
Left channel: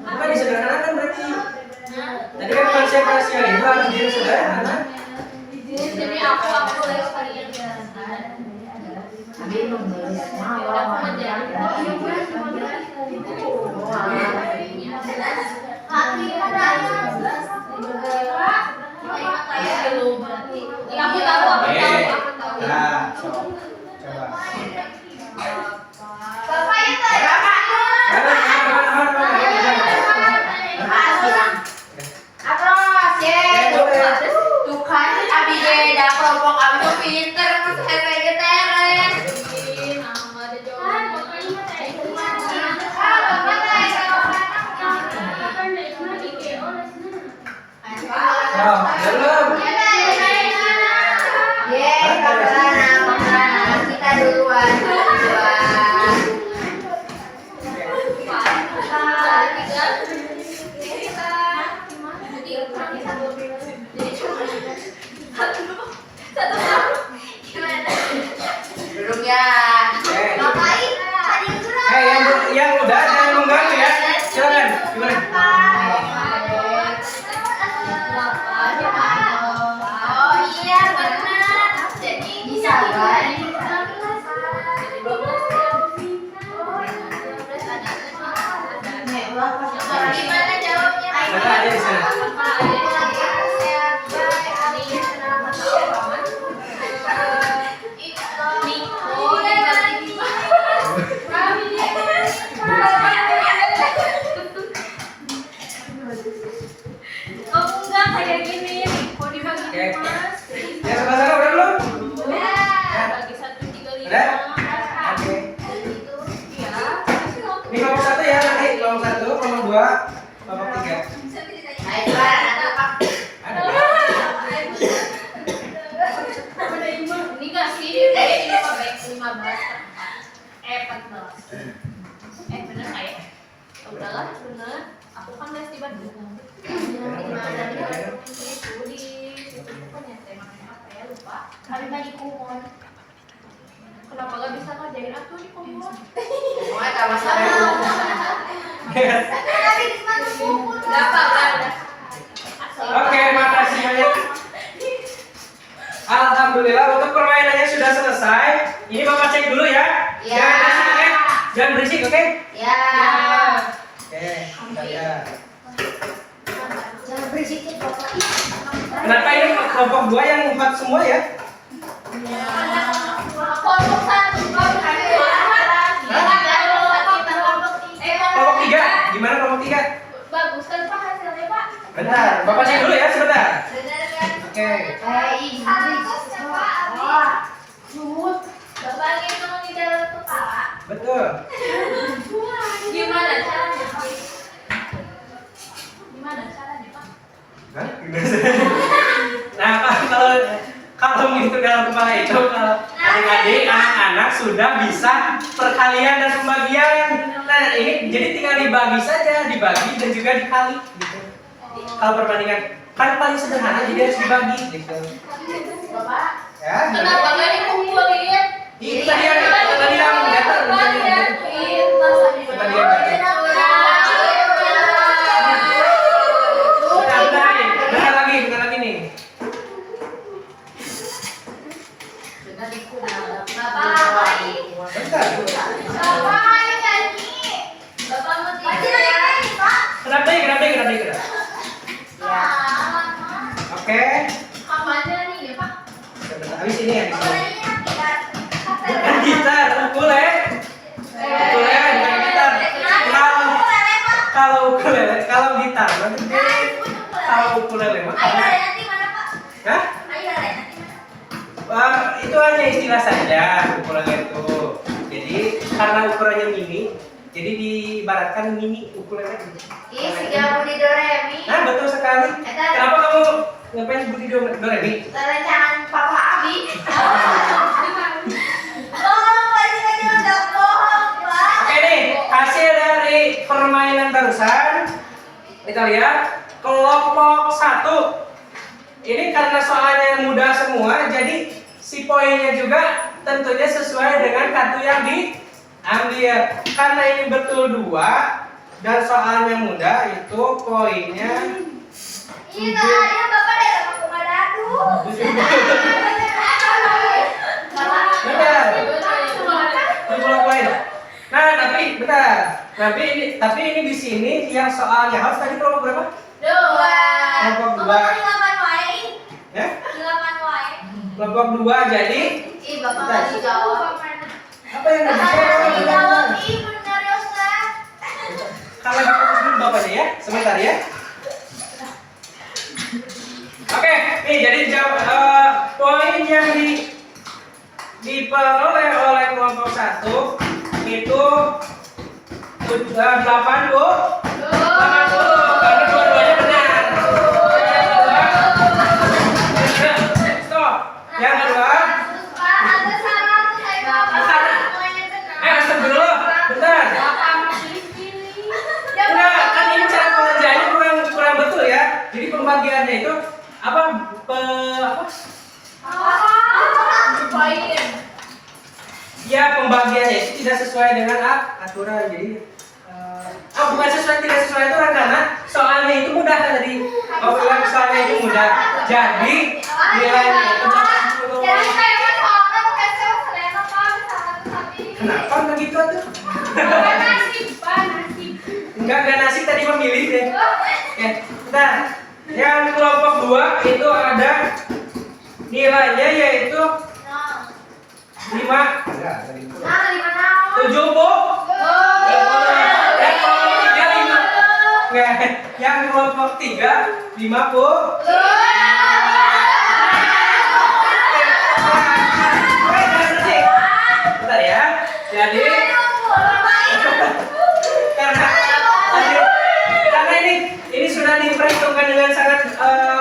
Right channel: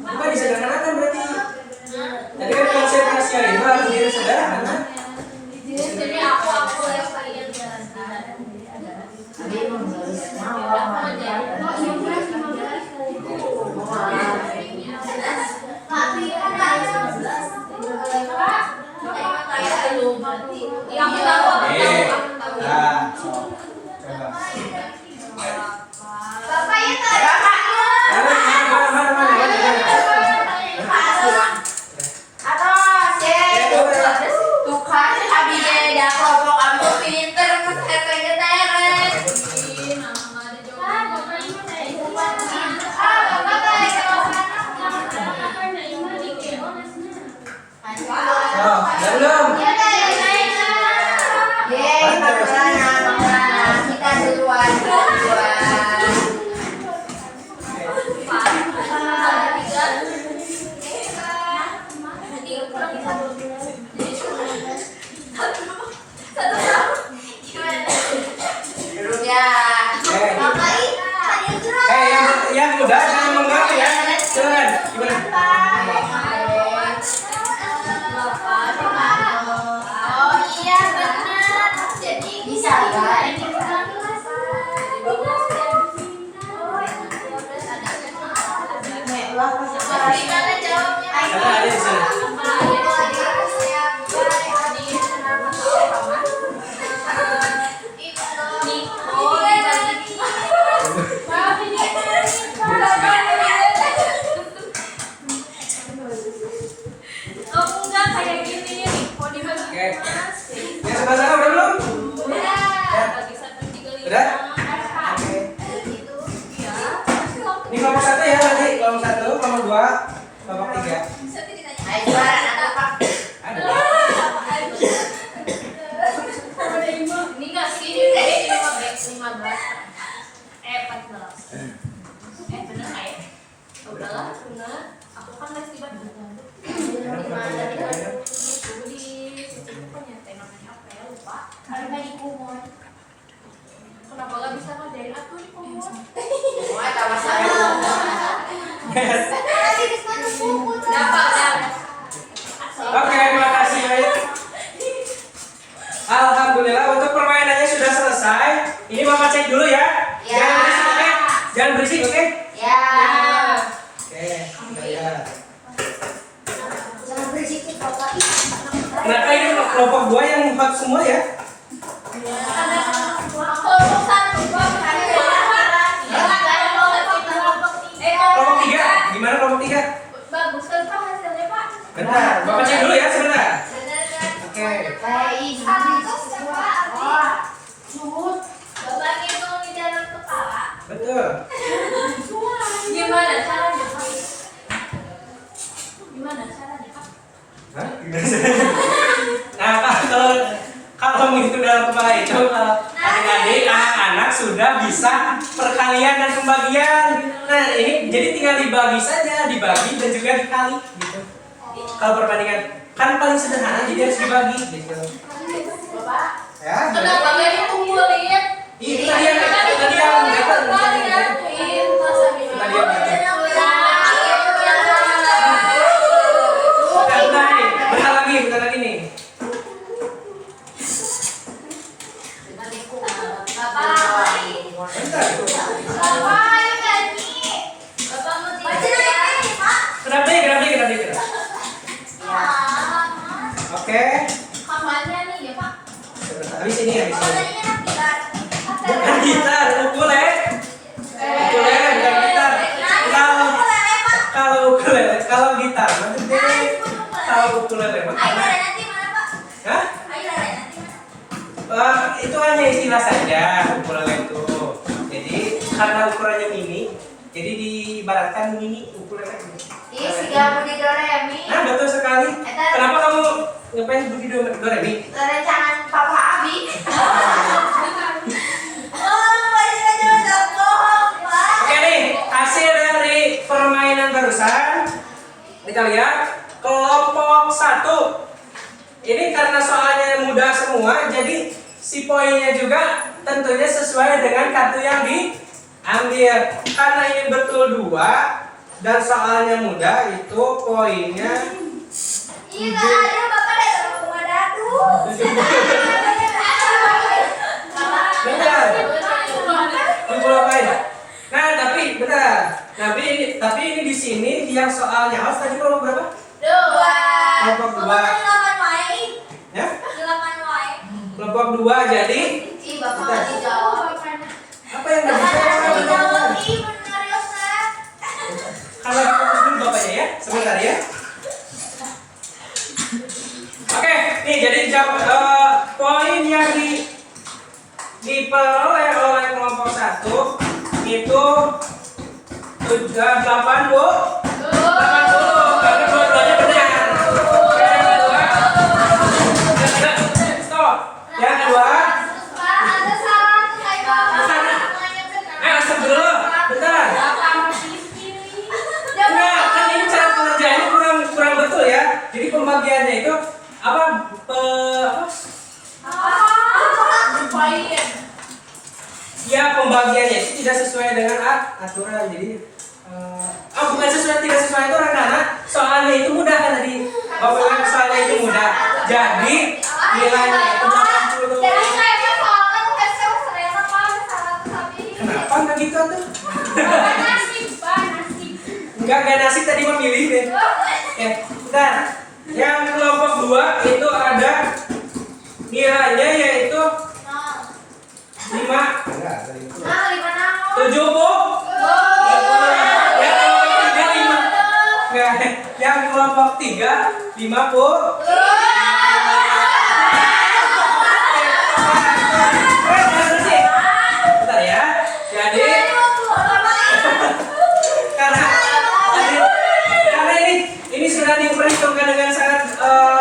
Bukan disederhanakan berarti. Tadi kan konsep rasio itu harus disederhanakan. Jadi aku yang kalian jelaskan. Abi menulis nama. Ya aku tahu, aku tahu. Nah, so, coba. Bapak ya tadi. Atas, ye. Tuh kan, Abi dia ada kelompok Abi tuh pinter, mas kayak teret. Oh, belum. Ye, Makarana, kita duluan. Belum ya. Bapak ini tadi kurang. Yang muda jangan mengganggu ya. Silakan. Gimana? Oh iya benar. Jadi bisa kan? Gimana jawabnya? Ada di sini. Enggak kayak gini, mau dibagi Oke. Mas. Yang sebelah sana udah belum? Bagi 135. Udah? Oke. Ini kelompok 1 ya nanti. Kelompok 1, kelompok 2, kelompok 3. Ayo juara anak Pak. Ada. Ini enggak sih, ini 15. 14. Bener nggak ya? Udahlah, bener. Aku kan les di Bandung. Itu di situ pokoknya namanya apa ya, lupa. Kenapa gak bisa ngajarin aku di kumur? Wah, kamar saya. Dapat kan? Oke, makasih Yuyut. Alhamdulillah untuk permainannya sudah selesai. Ini Bapak cek dulu ya. Ya. Jangan berisik, oke? Jangan berisik, oke? Ya. Oke, kita lihat. Jangan berisik Bapak. Kenapa ini kelompok 2 yang hot semua ya? Kelompok 1 Kelompok 3, gimana kelompok 3? bagus kan Pak hasilnya Pak? Bentar, Bapak cek dulu ya sebentar. Benar kan? Oke. Inggris. Wah, Juhud. Bapak ngitung di dalam kepala. Betul. Gimana caranya, Pak? Gimana caranya, Pak? Hah? Gimana? Nah, kalau menghitung dalam kepala itu kalau adik-adik, anak-anak sudah bisa perkalian dan pembagian. Nah, ini jadi tinggal dibagi saja, dibagi dan juga dikali gitu. Kalau perbandingan kan paling sederhana jadi harus dibagi gitu. Bapak. Ya. Kenapa nggak dikumpulin? Itu tadi yang gatal tadi. Tadi yang gatal. Bentar lagi nih. Bentar. Bapak ayo nyanyi. Bapak mau tidur ya? Kenapa karena ukurannya mini, jadi diibaratkan mini ukurannya. Ih, si Budi Doremi. Nah, betul sekali. Kenapa kamu ngefans Budi Doremi? Rencana Papa Abi. Oke nih, hasil dari permainan barusan kita lihat kelompok 1. Ini karena soalnya mudah semua, jadi si poinnya juga tentunya sesuai dengan kartu yang diambil. Karena ini betul 2 dan soalnya mudah, itu poinnya Iya, ada Bapak datang ke Manado. benar. 20 poin. Nah, tapi benar. Tapi ini di sini yang soalnya harus tadi kelompok berapa? 2. Kelompok 2. Ya? Kelompok 2 jadi Ih, Bapak nggak dijawab. apa yang nggak dijawab? Kalau fokus dulu bapaknya ya, sebentar ya. Oke, nih jadi poin yang diperoleh oleh kelompok 1 itu 80 karena dua-duanya benar. Stop. Yang kedua, astagfirullah, bentar. Nah, kan ini cara pengerjaannya kurang betul ya. Jadi pembagiannya itu apa? Ya, pembagiannya itu tidak sesuai dengan aturan. Jadi bukan tidak sesuai aturan karena soalnya itu mudah kan tadi. Soalnya itu mudah. Jadi nilainya itu 80. Kenapa nggak gitu tuh? Enggak nasib tadi memilih deh. Ya, bentar. Yang kelompok 2 itu ada nilainya yaitu 5 70. Yang kelompok 3 50. Bentar ya. Jadi karena ini sudah diperhitungkan dengan sangat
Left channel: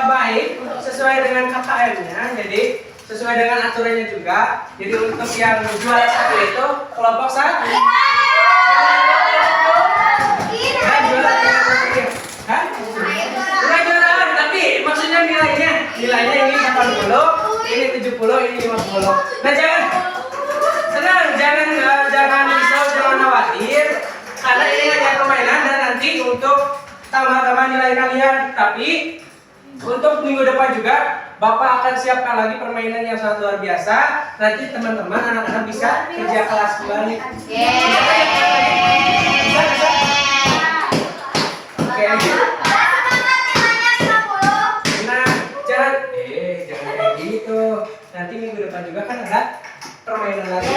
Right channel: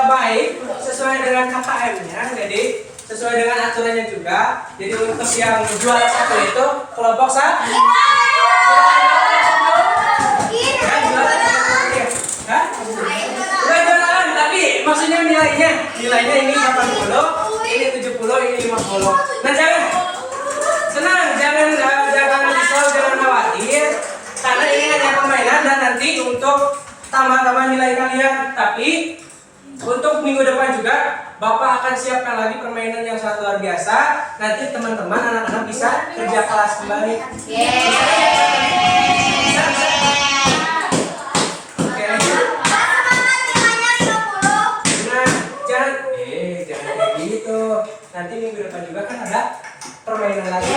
baik sesuai dengan KKM-nya. Jadi sesuai dengan aturannya juga. Jadi untuk yang juara 1 itu kelompok 1. Bukan juaraan, tapi maksudnya nilainya ini 80, ini 70, ini 50. Nah, jangan risau, jangan khawatir, karena ini hanya permainan dan nanti untuk tambah-tambah nilai kalian. Tapi untuk minggu depan juga Bapak akan siapkan lagi permainan yang sangat luar biasa. Nanti teman-teman anak-anak bisa kerja kelas kembali. Bisa. Oke, nah, jangan kayak gitu. Nanti minggu depan juga kan ada permainan lagi.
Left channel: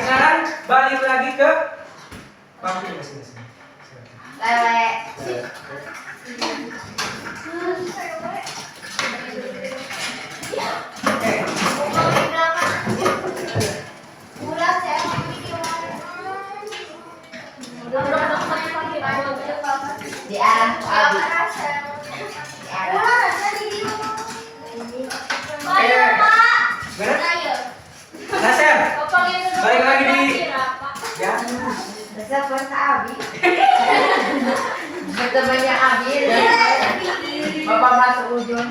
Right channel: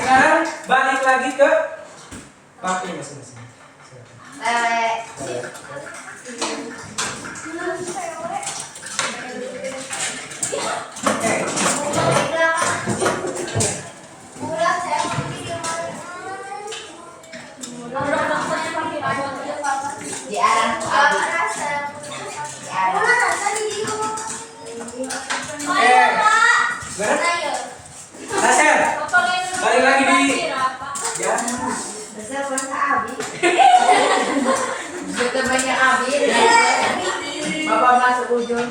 Sekarang balik lagi ke waktu masing-masing. Di arah Abi. Nasir, balik lagi di Besar puasa Abi. Temannya Abi. Bapak masuk ujung.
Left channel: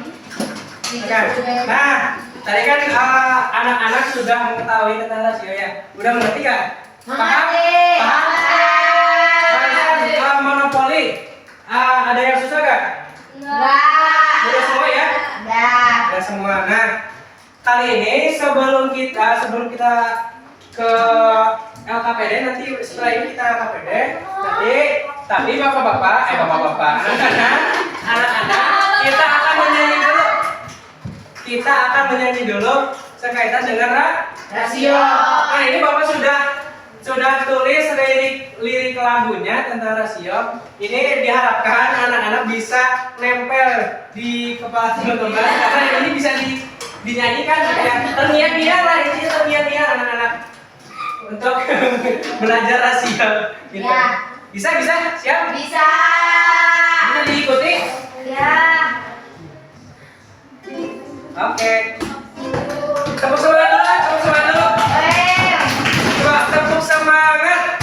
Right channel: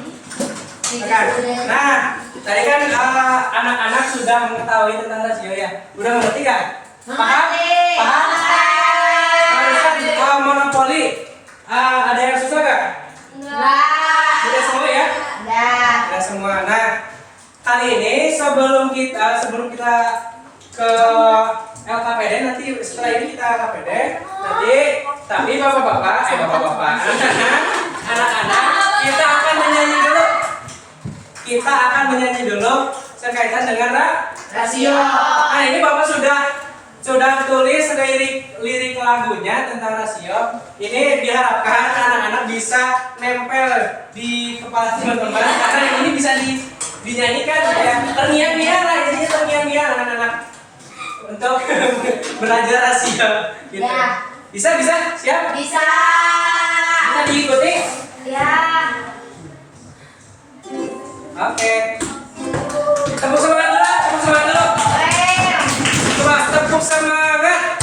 Nah, tadi kan anak-anak sudah mengetahui tentang rasio ya. Udah mengerti kan? Paham? Barusan monopoli. Ada yang susah gak? Enggak. Udah semua ya? Udah semua. Nah, kali ini sebelum kita ke LKPD, nanti setelah ini kita LKPD. Nanti tapi bapak-bapak, anak-anak, kita akan menyanyi dulu sekaitan dengan rasio. Nah, ini Bapak sudah tulis lirik lagunya tentang rasio. Ini diharapkan anak-anak bisa nempel di kepala teman-teman karena ini bisa dinyanyikan ya. Terngiang-ngiang lah, intinya terngiang-ngiang anak-anak. untuk belajar rasio gitu. Ya. Bisa? Siap? Bisa. Bisa diikuti? Ya. Oke. Tepuk semangat dulu. Coba tepuk semangat.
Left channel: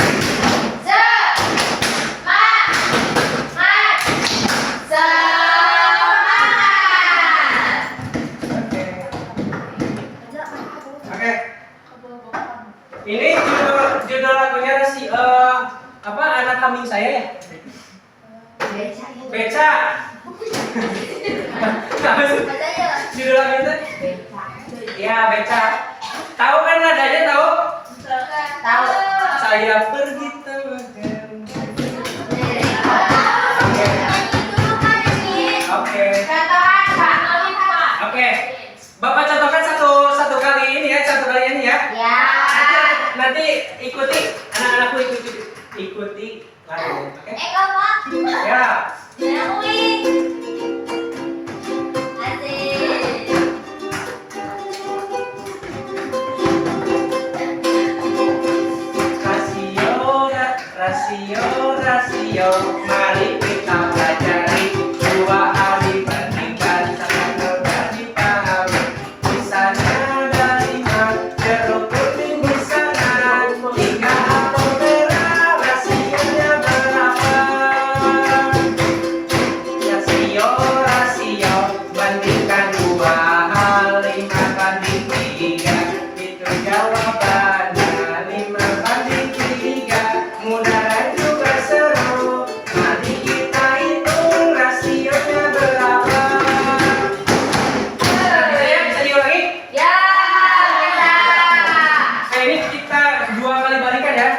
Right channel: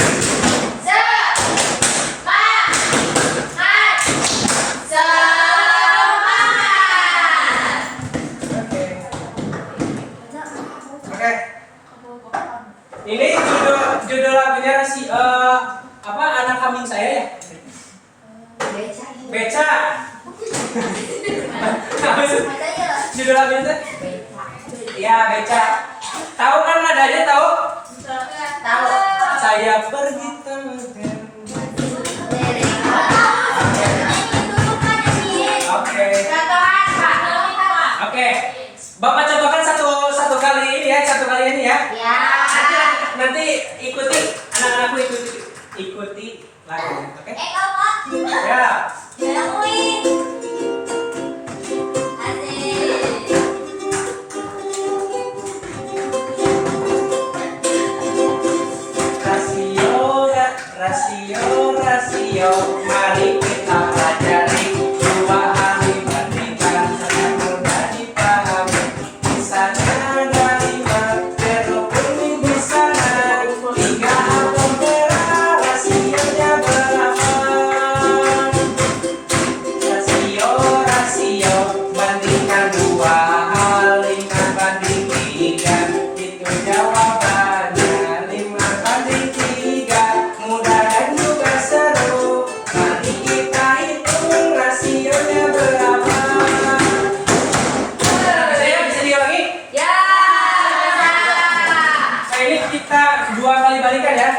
Oke. Ini judul lagunya apa anak kambing saya ya? Beca. Apa sih judul lagu itu? Iya, Beca. Tahu kan nadanya tahu? Tahu. Saya pergi tengah. Oke. Oke. Bapak contohkan satu kali ini ya. Ya. Nanti ikuti anak-anakku ikuti lagunya. Oke? Ya. Rasio, mari kita pelajari. Dua kali bandingkan sangat mudah dipahami. Misalnya ada 5 jeruk kuning di sana, 3 apel merah, rasionya berapa? Rasio, bandingkan 2 hal, 5 banding 3. Itu jawabannya, 5 banding 3. Mudah dan juga seru. Mari kita hitung rasionya berapa. Bisa diulangi? Ya. Bisa. Ini kita 2 kali balikan ya.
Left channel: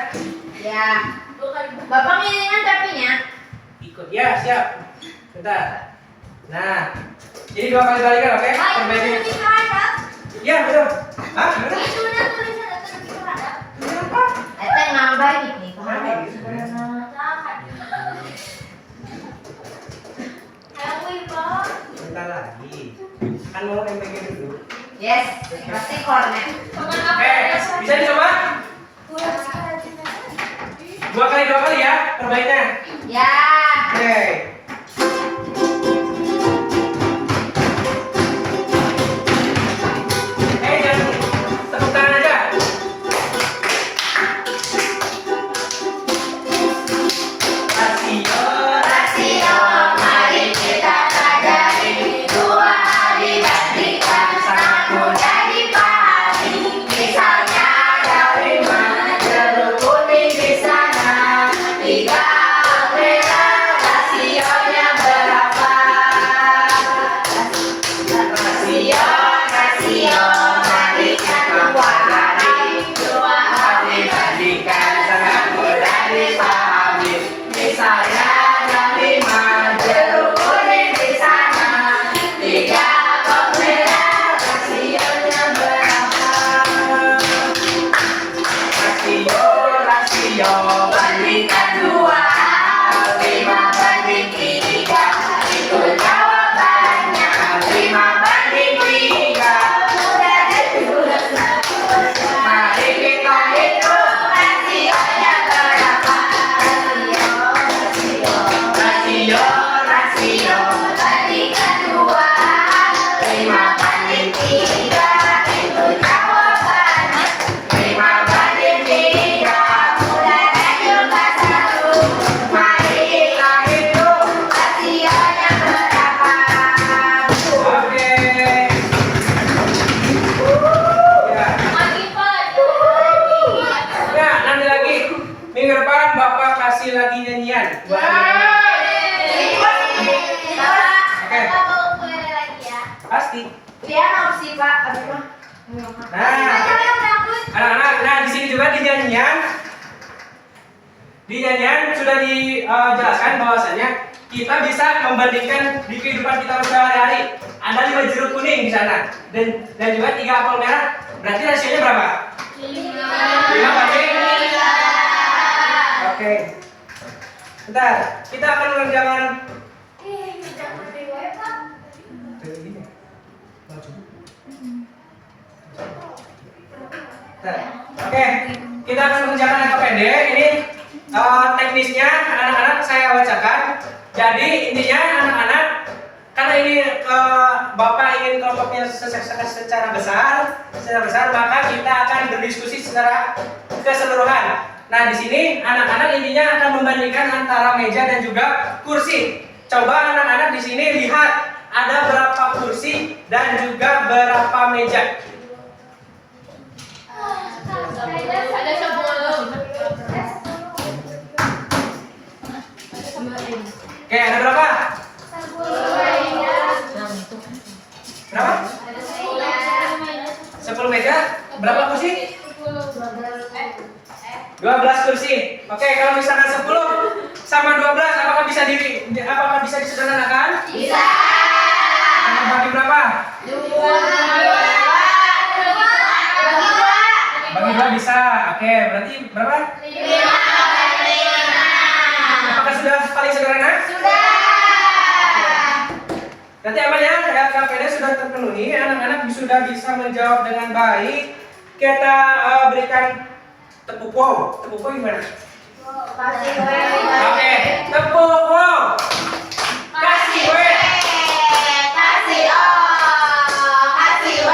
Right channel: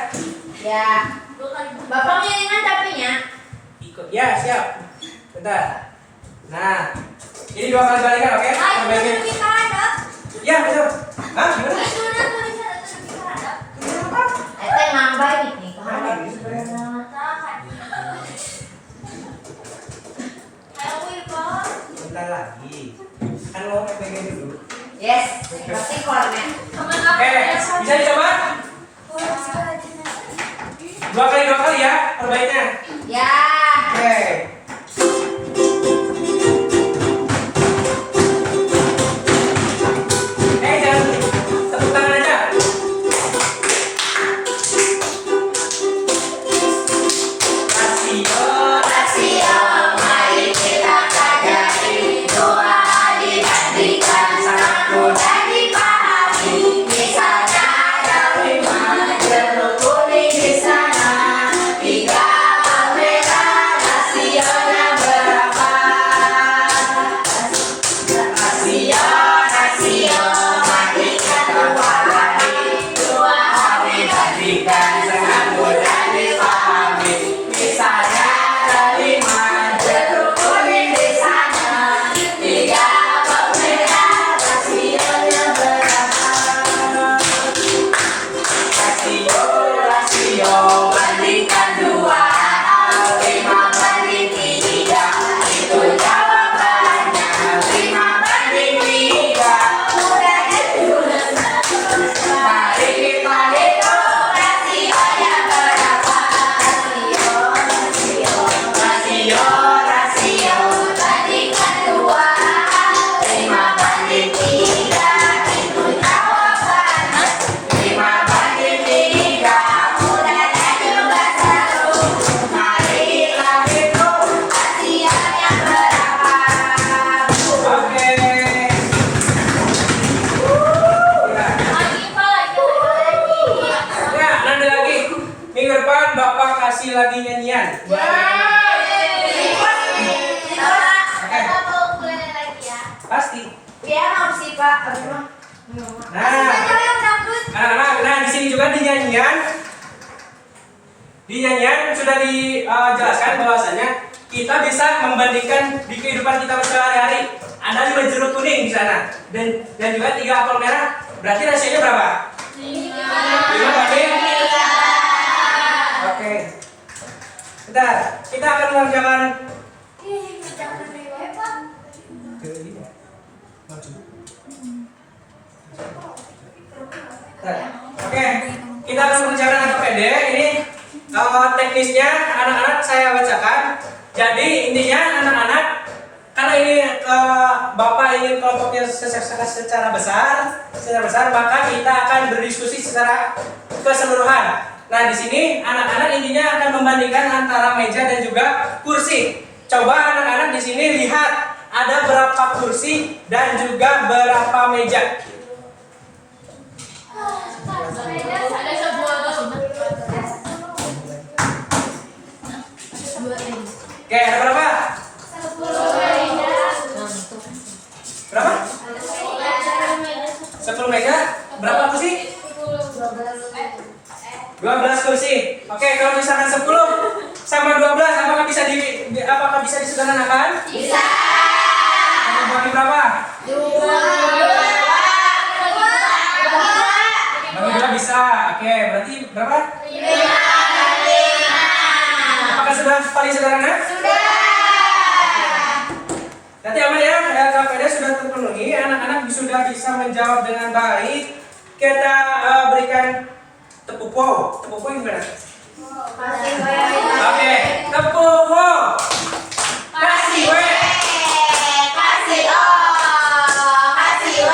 Ya. Bapak ngiringan tapinya. Ikut ya, siap. Bentar. Nah, ini 2 kali balikan, oke? Perbaikin. Ya, betul. Hah? Gimana? Kenapa? Eta nambah nih. Kenapa ini sebenarnya? Bentar lagi. Kan lo MPG dulu. Yes. Pasti kornet. Oke, bisa dicoba? 2 kali ya, perbaiknya. Ya. Oke. Jangan tepuk tangan aja. Rasio, mari kita pelajari. 2 hal dibandingkan sangat mudah dipahami. Misalnya ada 5 jeruk kuning di sana, 3 apel merah, rasionya berapa? Rasio, mari kita pelajari. 2 hal Dibandingkan sangat mudah dipahami. Misalnya ada 5 jeruk kuning di sana, 3 apel merah, rasionya berapa? Rasio, Bandingkan 2 hal, 5 banding 3. Itu jawabannya, 5 banding 3. Mudah dan juga seru. Mari kita hitung rasionya berapa. Rasio, bandingkan 2 hal, 5 banding 3. Itu jawabannya, 5 banding 3. Mudah dan juga seru. Mari kita hitung rasionya berapa. Oke. Ya. Nah, nanti lagi minggu depan Bapak kasih lagi nyanyian. Buat pasti. Biar opsi Pak, apa? Nah, anak-anak, di sini juga di nyanyian sudah dijelaskan bahwasanya kita bisa membandingkan di kehidupan kita sehari-hari. Ada 5 jeruk kuning di sana dan juga 3 apel merah. Berarti rasionya berapa? 5 banding. Oke. Bentar, kita akan mengerjakan Oke. kita akan mengerjakan AKPD. Ini teknisnya anak-anak saya bacakan. Jadi intinya anak-anak, karena ini Bapak ingin kelompoknya secara besar, maka kita akan berdiskusi secara keseluruhan. Nah, di sini anak-anak intinya akan membandingkan antara meja dan juga kursi. Coba anak-anak di sini lihat ada berapa kursi dan juga berapa meja. Ada 10. Oke, ada berapa? 10 Berapa? 10 meja. Berapa kursi? 12 kursi. Oke, kalau misalkan 10 sama 12, apakah bisa disederhanakan? Bisa. Sama bagi berapa? 2. Bagi 2 bisa. Oke, berarti berapa? 5. Apakah sudah paling sederhana? Sudah. Nanti aman ya, LKPD sudah terpenuhi, anak-anak sudah bisa menjawab dengan baik. Kita berikan tepuk wow. Tepuk wow gimana? Kasih Oke, tepuk wow. Kasih W. Kasih O. Kasih W.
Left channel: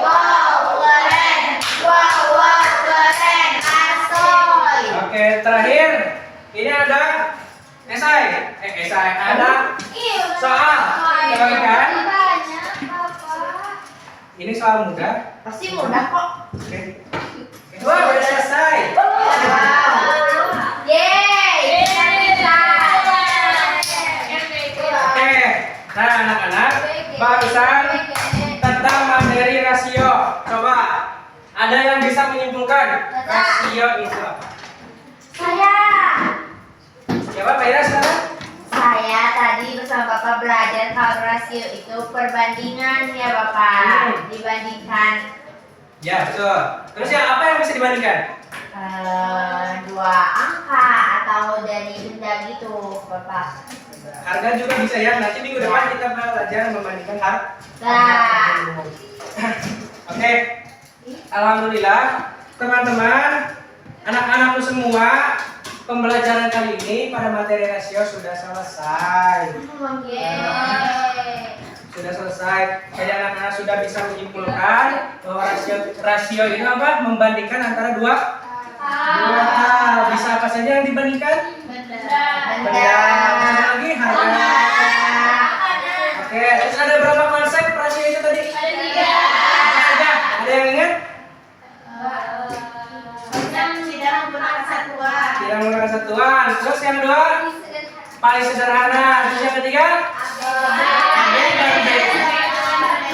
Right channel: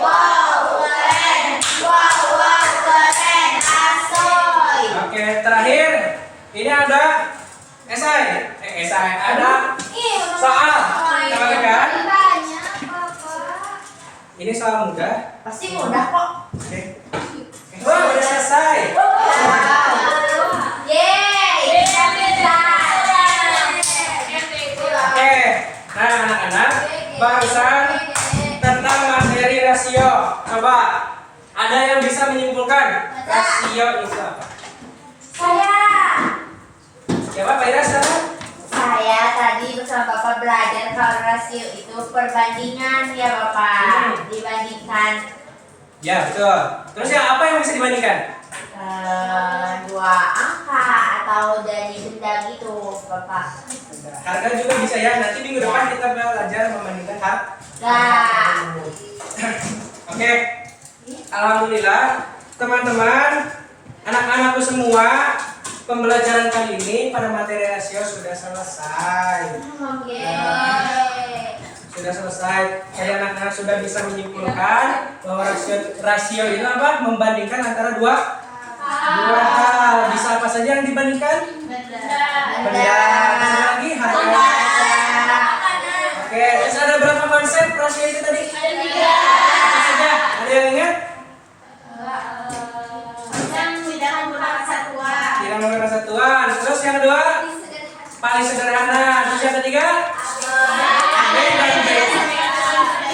Wow, keren. Wow, keren. Asoy. Oke, terakhir ini ada esai. Ada soal. Coba kan? banyak Bapak. Ini soal mudah. Pasti mudah kok. Oke. Wah, udah selesai. Yeay, kita bisa. Oke. Nah, anak-anak, barusan tentang materi rasio. Coba ada yang bisa menyimpulkan rasio itu apa? Saya. Siapa Pak Ira sekarang? Saya tadi bersama Bapak belajar kalau rasio itu perbandingan ya Bapak. Dibandingkan Ya, betul. Terus ya apa yang bisa dibandingkan? 2 angka atau dari benda gitu Bapak. Harga juga bisa ya. Nanti minggu depan kita belajar membandingkan harga. Nah, Oke. Alhamdulillah, teman-teman, anak-anakku semua, pembelajaran kali ini pada materi rasio sudah selesai. yeay. Sudah selesai. Jadi anak-anak sudah bisa menyimpulkan bahwa rasio itu apa? Membandingkan antara dua hal. Bisa apa saja yang dibandingkan? Benda. Bisa lagi harga. Oke, terus ada berapa konsep rasio itu tadi? Apa saja? Ada yang ingat? Tidak menggunakan satuan. Tidak menggunakan satuan. Terus yang kedua? Paling sederhana. Terus yang ketiga?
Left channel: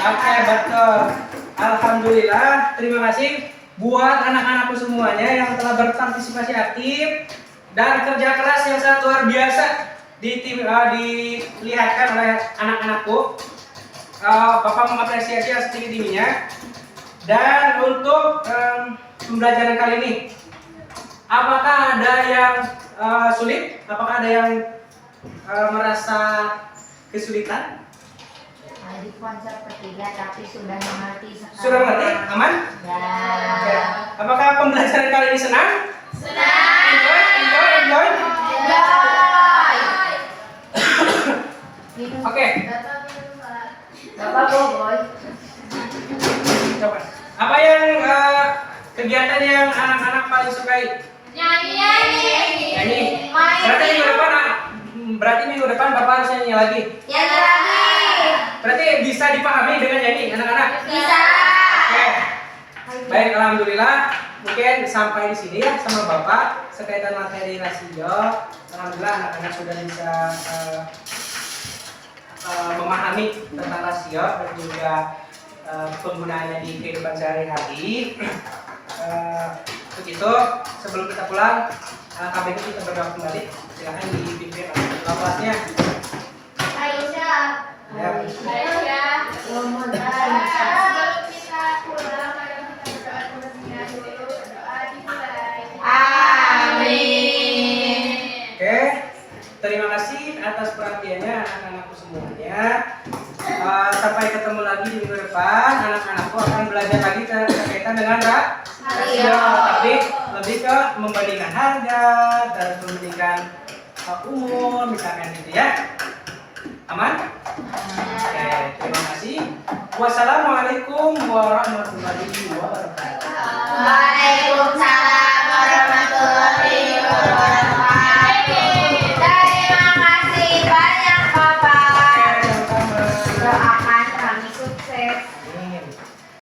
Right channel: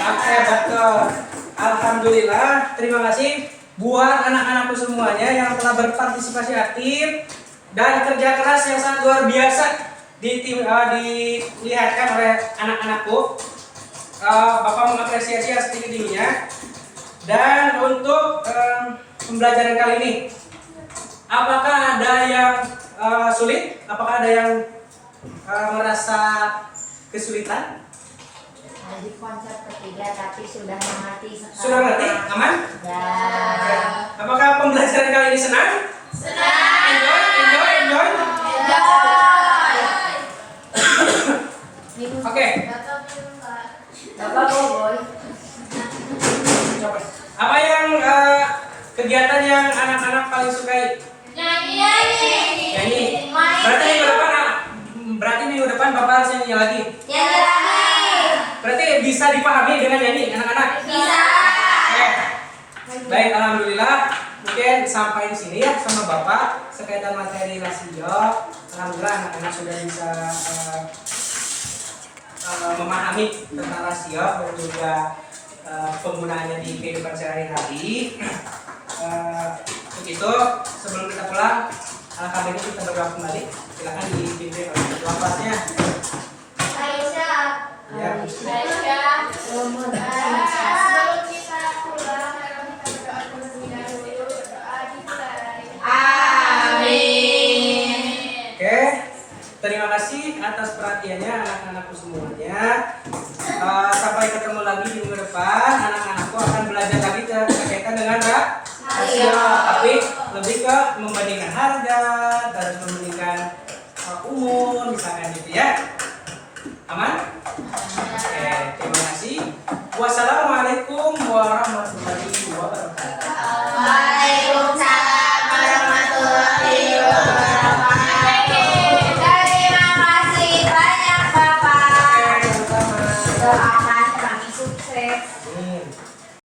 Oke, betul. Alhamdulillah, terima kasih buat anak-anakku semuanya yang telah berpartisipasi aktif dan kerja keras yang sangat luar biasa dilihatkan oleh anak-anakku. Bapak mengapresiasi yang setinggi-tingginya. Dan untuk pembelajaran kali ini, apakah ada yang sulit? Apakah ada yang merasa kesulitan? Di konsep ketiga tapi sudah mengerti sekarang. Sudah mengerti? Aman? Ya. Oke. Apakah pembelajaran kali ini senang? Enjoy? Minum. Oke. Bapak boboy. Coba. Apa yang kegiatan yang anak-anak paling sukai? Nyanyi. Berarti minggu depan Bapak harus nyanyi lagi. Yang lagi. Berarti bisa dipahami dengan nyanyi anak-anak? Bisa. Oke. Baik, alhamdulillah. Mungkin sampai di sini ya sama Bapak sekaitan materi rasio. Alhamdulillah anak-anak sudah bisa memahami tentang rasio dan juga penggunaannya di kehidupan sehari-hari. Untuk itu, sebelum kita pulang, alangkah baiknya kita berdoa kembali. Silakan dipimpin oleh ketua kelasnya. Aisyah. Ya. Sebelum kita pulang, kita berdoa terlebih dahulu. Doa dimulai. Amin. Oke, terima kasih atas perhatiannya anak-anakku semuanya. Sampai ketemu lagi di minggu depan. Anak-anakku akan belajar lagi berkaitan dengan rasio. rasio, tapi lebih ke membandingkan harga, terus membandingkan umur, misalkan gitu ya. Aman? Oke, terima kasih. Wassalamualaikum warahmatullahi